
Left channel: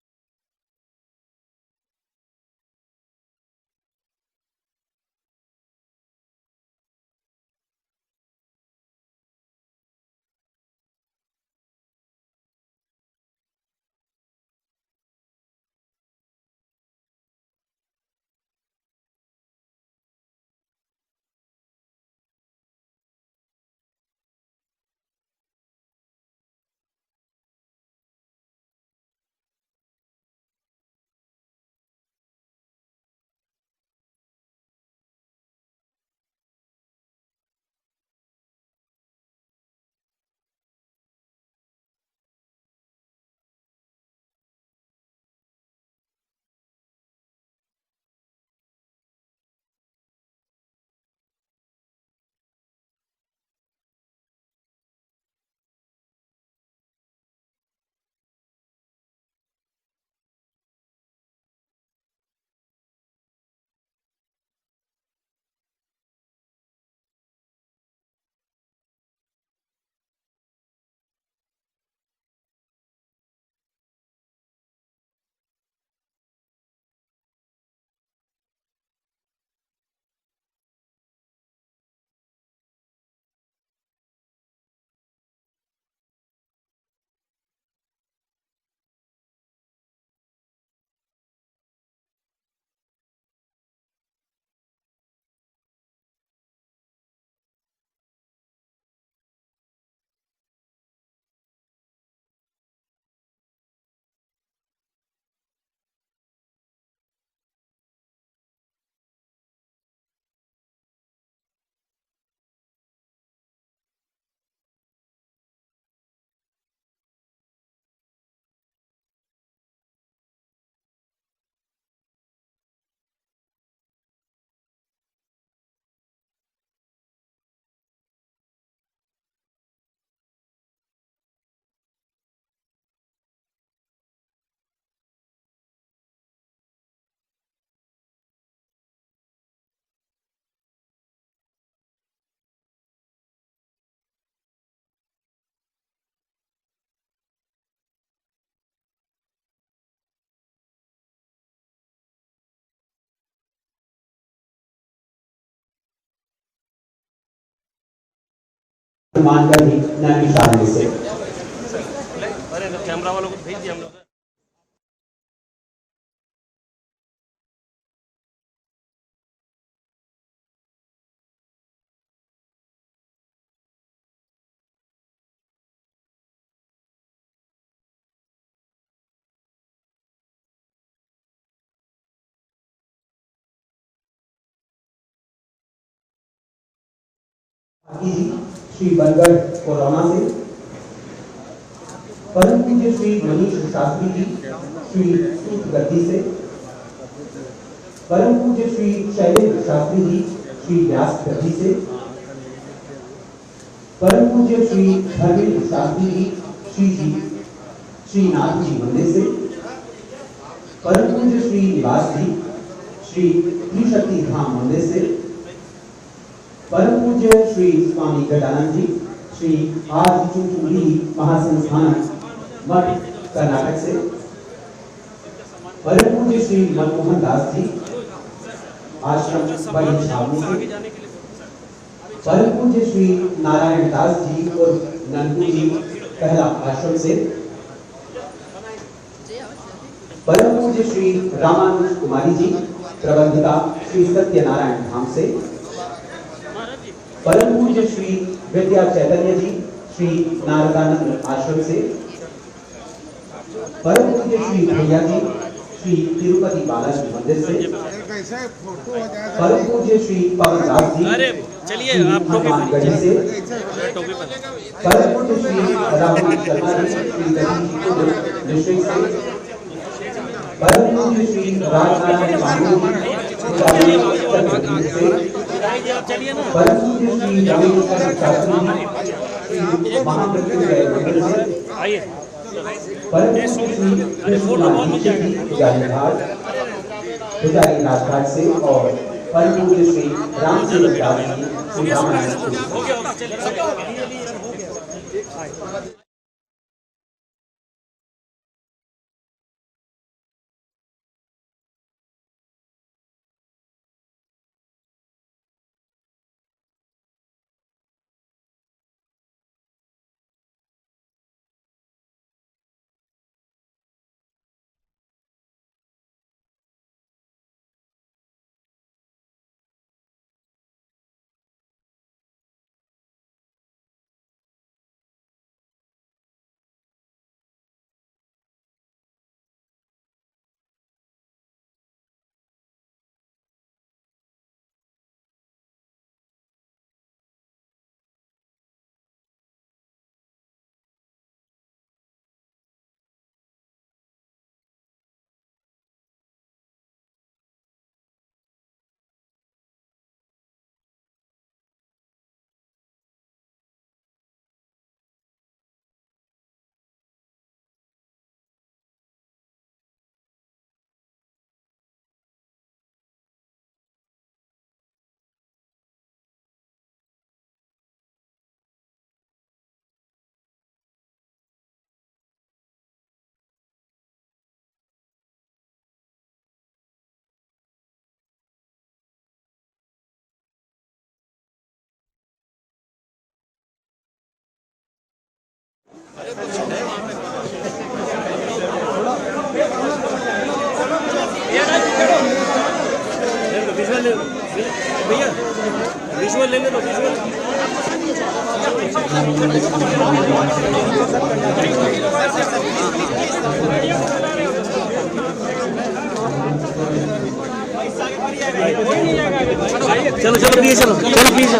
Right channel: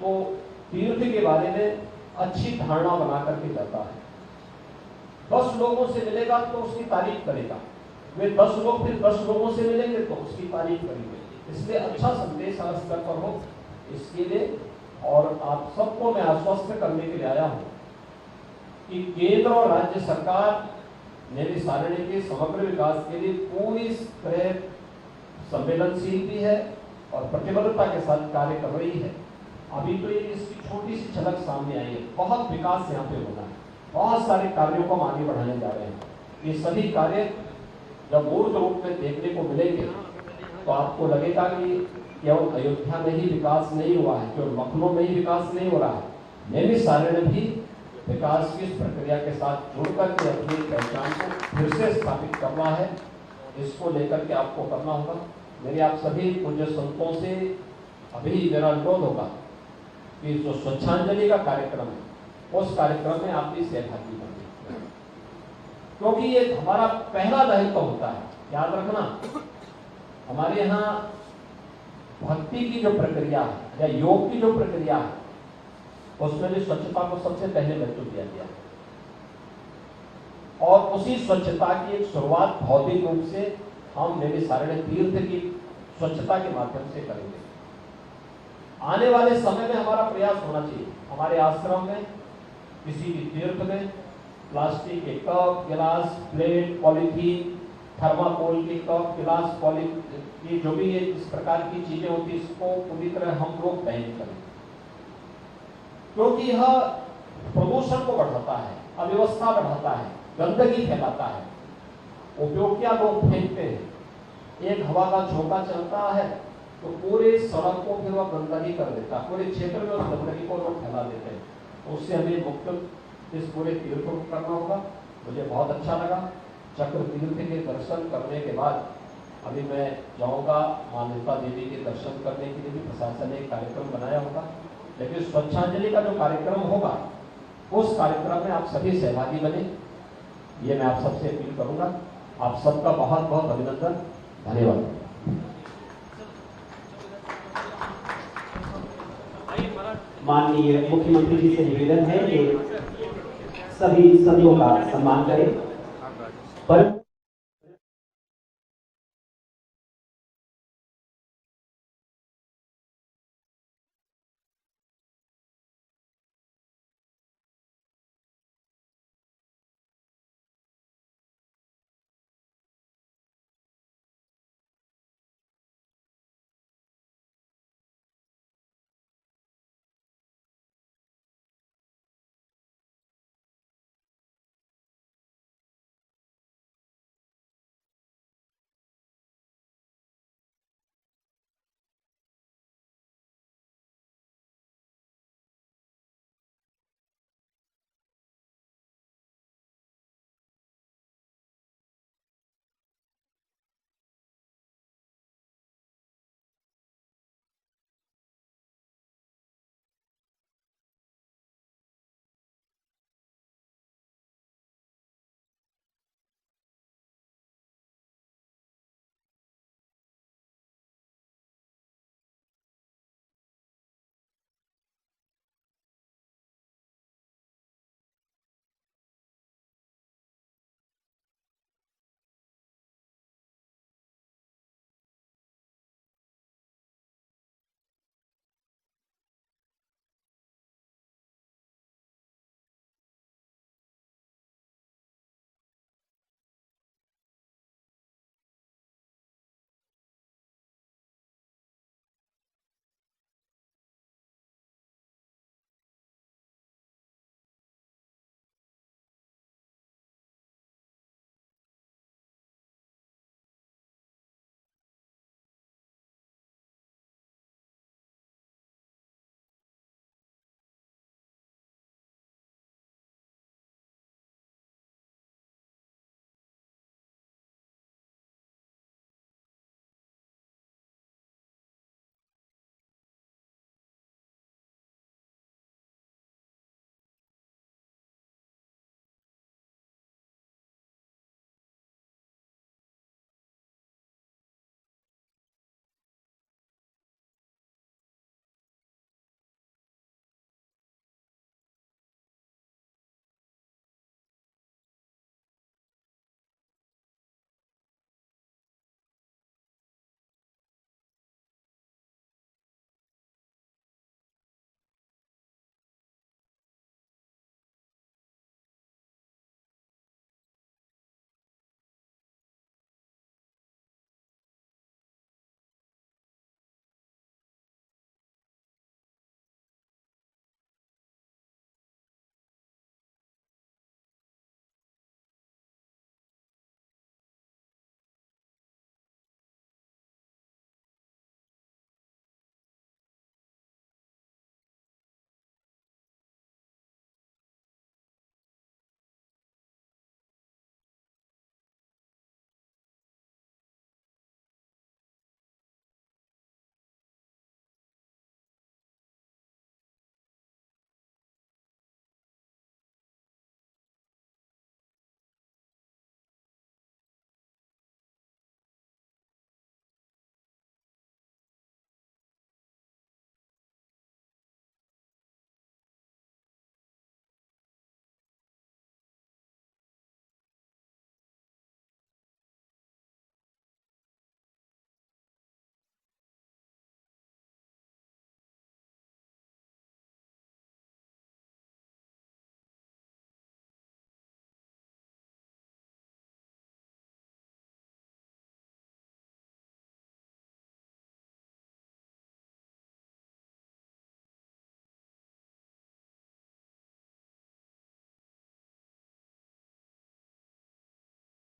तो तीर्थ के बारे में अच्छी धारणा बना करके जाता है। 10 लोगों से मिलेगा तो उसकी तारीफ करेगा, वे 10 लोग फिर 10 लोगों से मिलेंगे तो उसकी तारीफ करेंगे। इसलिए अच्छा संदेश हर स्तर पर हो, इसके लिए और आप सबको मैं आश्वस्त करने के लिए आया हूँ कि केंद्र और राज्य सरकार नैमिषारण्य के समग्र विकास के लिए पूरी तरह संवेदनशील भी है और प्रतिबद्धता के साथ कार्य कर रही है। अभी तो ये इसकी छोटी सी झलक सामने आई है, बहुत विकास यहाँ पे होना है, बहुत सारे कार्यों को हम आगे बढ़ाने जा रहे हैं। ये सभी कार्य जब मूर्त रूप में देखने को मिलेंगे तो आपको लगेगा कि केवल अयोध्या में ही विकास नहीं हुआ है, केवल लखनऊ में ही विकास नहीं हो रहा है, नैमिषारण्य भी विकास की इस प्रक्रिया के साथ जुड़कर के अपनी पहचान को फिर से स्थापित करना है। इसको लेकर के आपको करना होगा। मेरे आप सभी पूज्य संतों से अभी मेरा अनुरोध होगा कि जो स्वच्छांजलि का कार्यक्रम है उस कार्यक्रम में आप भी सहभागी बनिए, क्योंकि ये हमारा पहला दायित्व होता है। याद रखना, हमारे यहाँ भक्ति की जो प्रक्रिया है या योग की जो प्रक्रिया है उसमें भी स्वच्छता को सबसे पहले महत्व दिया गया है और उसी स्वच्छता की एक शुरुआत भौतिक रूप से हम नैमिषारण्य तीर्थ की स्वच्छता के माध्यम से करेंगे। आने वाले समय में हमारा प्रयास होना चाहिए, हमारे आश्रम में, किसी भी तीर्थ में प्लास्टिक के कप, गिलास, प्लेट, पॉलीथीन, थर्माकोल के कप, गिलास, पॉलीथीन, जो भी इस प्रकार की चीजें होती है इसको पूरी तरह हम लोग बैन करें, क्योंकि यह प्रदूषण को बढ़ाता है, अव्यवस्था बढ़ाता है, गंदगी फैलाता है। उपयोग क्या लोग फेंकते हैं, एक हवा का झोंका चलता है तो पूरे सड़क को फिर वह गंदगी कर देता है, पूरे क्षेत्र में उस गंदगी को लोग फैला देते हैं। तो उससे हमें मुक्त इस पूरे तीर्थ को करना होगा। मुझे बहुत अच्छा लगा। चक्र तीर्थ के दर्शन करने के बाद अभी मैं जाऊंगा मान्यता देवी के दर्शन करने के लिए भी प्रशासन ने एक कार्यक्रम बनाया होगा, लेकिन स्वच्छांजलि का जो कार्यक्रम होगा उस कार्यक्रम में आप सभी सहभागी बने, ये मैं आप सबसे अपील करूंगा। आप सबका बहुत बहुत अभिनंदन, धन्यवाद। माननीय मुख्यमंत्री जी से निवेदन है कि सभी संतों का सम्मान करें, पर सम्मान कर ही नैमिषारण्य से। अरे कैमरा वालों को भेज दिया हम लोग। श्री बनगढ़ कोरोना से, परम पूज्य श्री मनीष शास्त्री जी श्री सूत गद्दी से, परम पूज्य श्री शैलेंद्र शास्त्री जी श्री व्यास गद्दी से, परम पूज्य श्री धर्मेंद्र शास्त्री जी श्री नाथ जी मंदिर से, परम पूज्य श्री निवास जी श्री त्रिशक्ति धाम मंदिर से, परम पूज्य श्री स्वामी गजानंद जी श्री आदिचुंचुली महासंस्थान मठ कर्नाटक से, परम पूज्य श्री मनमोहन दास जी आश्रम बड़ी छावनी से परम पूज्य श्री नारायण दास जी और नंदू जी पहला आश्रम से परम पूज्य श्री रामानुज कुमारी जी प्रबंधिका श्री सत्यनारायण धाम से परम पूज्य श्री विद्या चैतन्य जी श्री नारदानंद आश्रम से परम पूज्य श्री भैया जी श्री तिरुपति बालाजी मंदिर से परम पूज्य श्री पवन दास जी चलिए आप हनुमानगढ़ी से परम पूज्य श्री राहुल शर्मा जी श्री डिस्ट्रिक्ट से परम पूज्य श्री राजनारायण बाबू से परम पूज्य श्री रविशंकर शास्त्री महामृत्युंजय मंदिर से परम पूज्य श्री पुजारी राजघाट से और परम पूज्य श्री राम सेवक दास जी श्री रामानंद भैया विजुअल ले लो विजुअल चलो चलो प्लीज चलो चलो प्लीज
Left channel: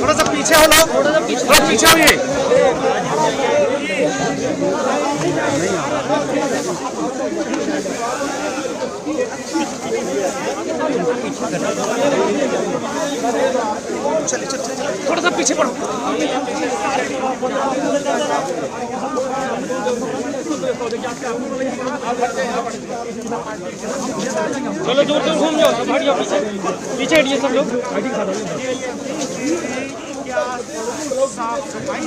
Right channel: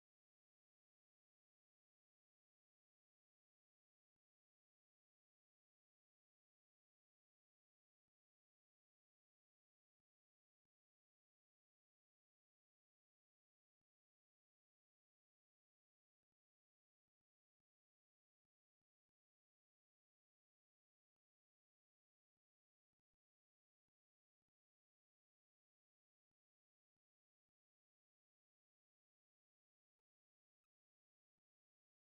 थोड़ा सा पीछे हो लोग, थोड़ा पीछे होइए। थोड़ा सा पीछे पड़ो। चलो दूर दूर घूम जाओ, हट जाओ पीछे पीछे हटिए सब लोग। साफ सफाई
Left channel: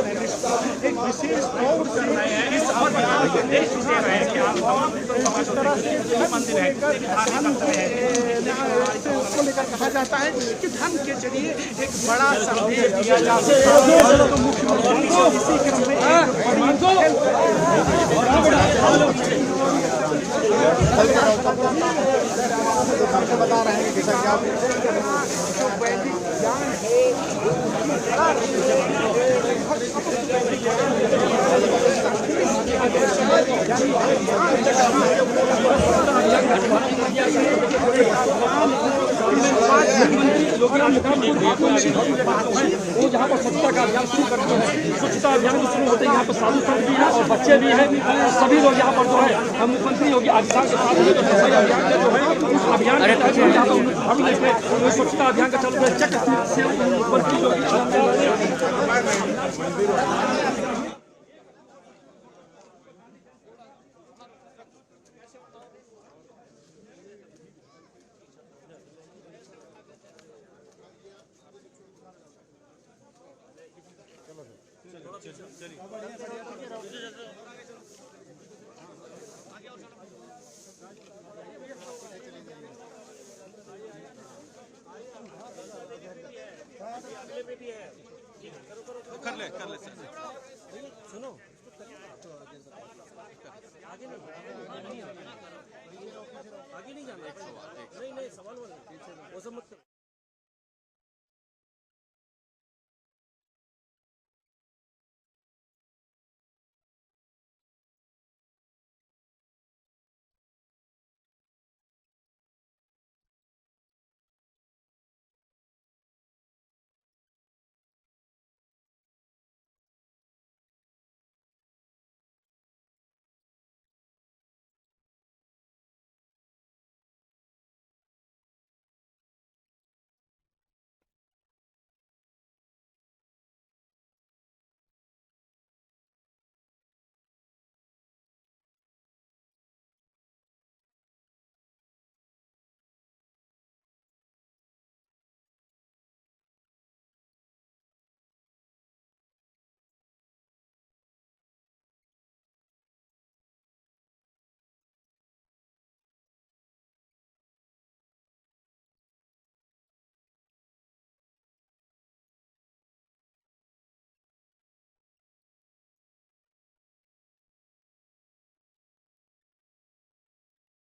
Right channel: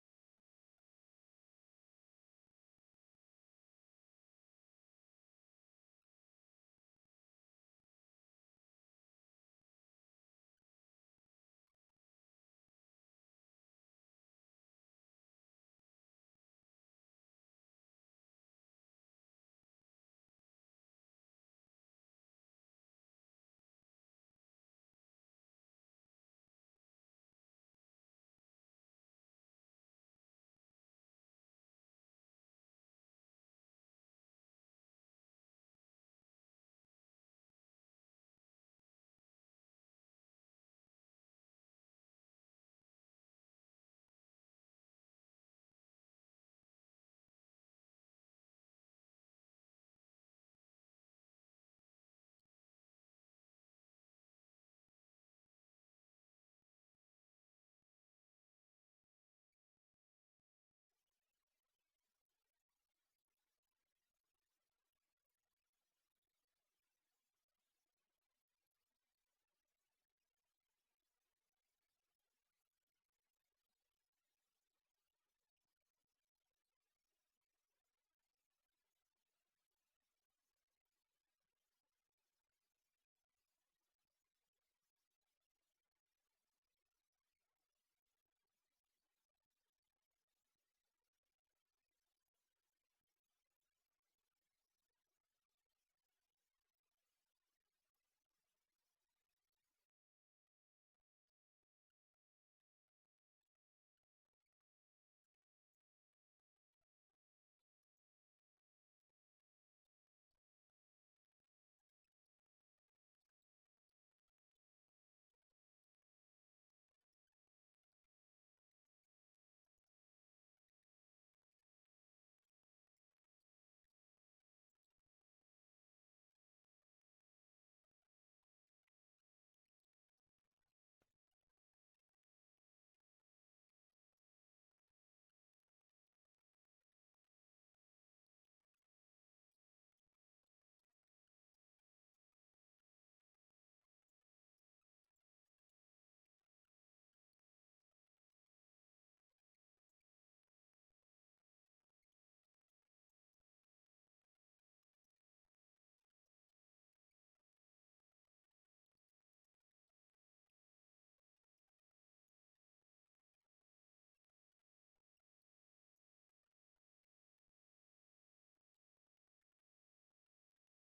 एक विशेष तौर से इस निर्देश दे रहे हैं कि आप जिस तरह से मंदिर है उसको लेकर कहा जाता है कि धर्म के जरिए एक बड़ा संदेश दिया जा सकता है। तो मुख्यमंत्री इसी क्रम में बता रहे हैं कि जैसा कि जो वैदिक ज्ञान है वो जहाँ पर स्वच्छता का अभियान शुरू करते हैं। स्वच्छता अभियान शुरू होते हैं यहाँ पर साधु संत भी है और बच्चे भी हैं और सभी लोग यहाँ पर जो है हम मुख्यमंत्री योगी आदित्यनाथ के साथ में जो सफाई अभियान का जो है उस अभियान के तहत यहाँ पर हम लेके स्वच्छता अभियान का चालू है। चक से मुख्यमंत्री योगी कर ले सर। सुनो आगे नहीं जाना। नहीं सवाल वो सब मत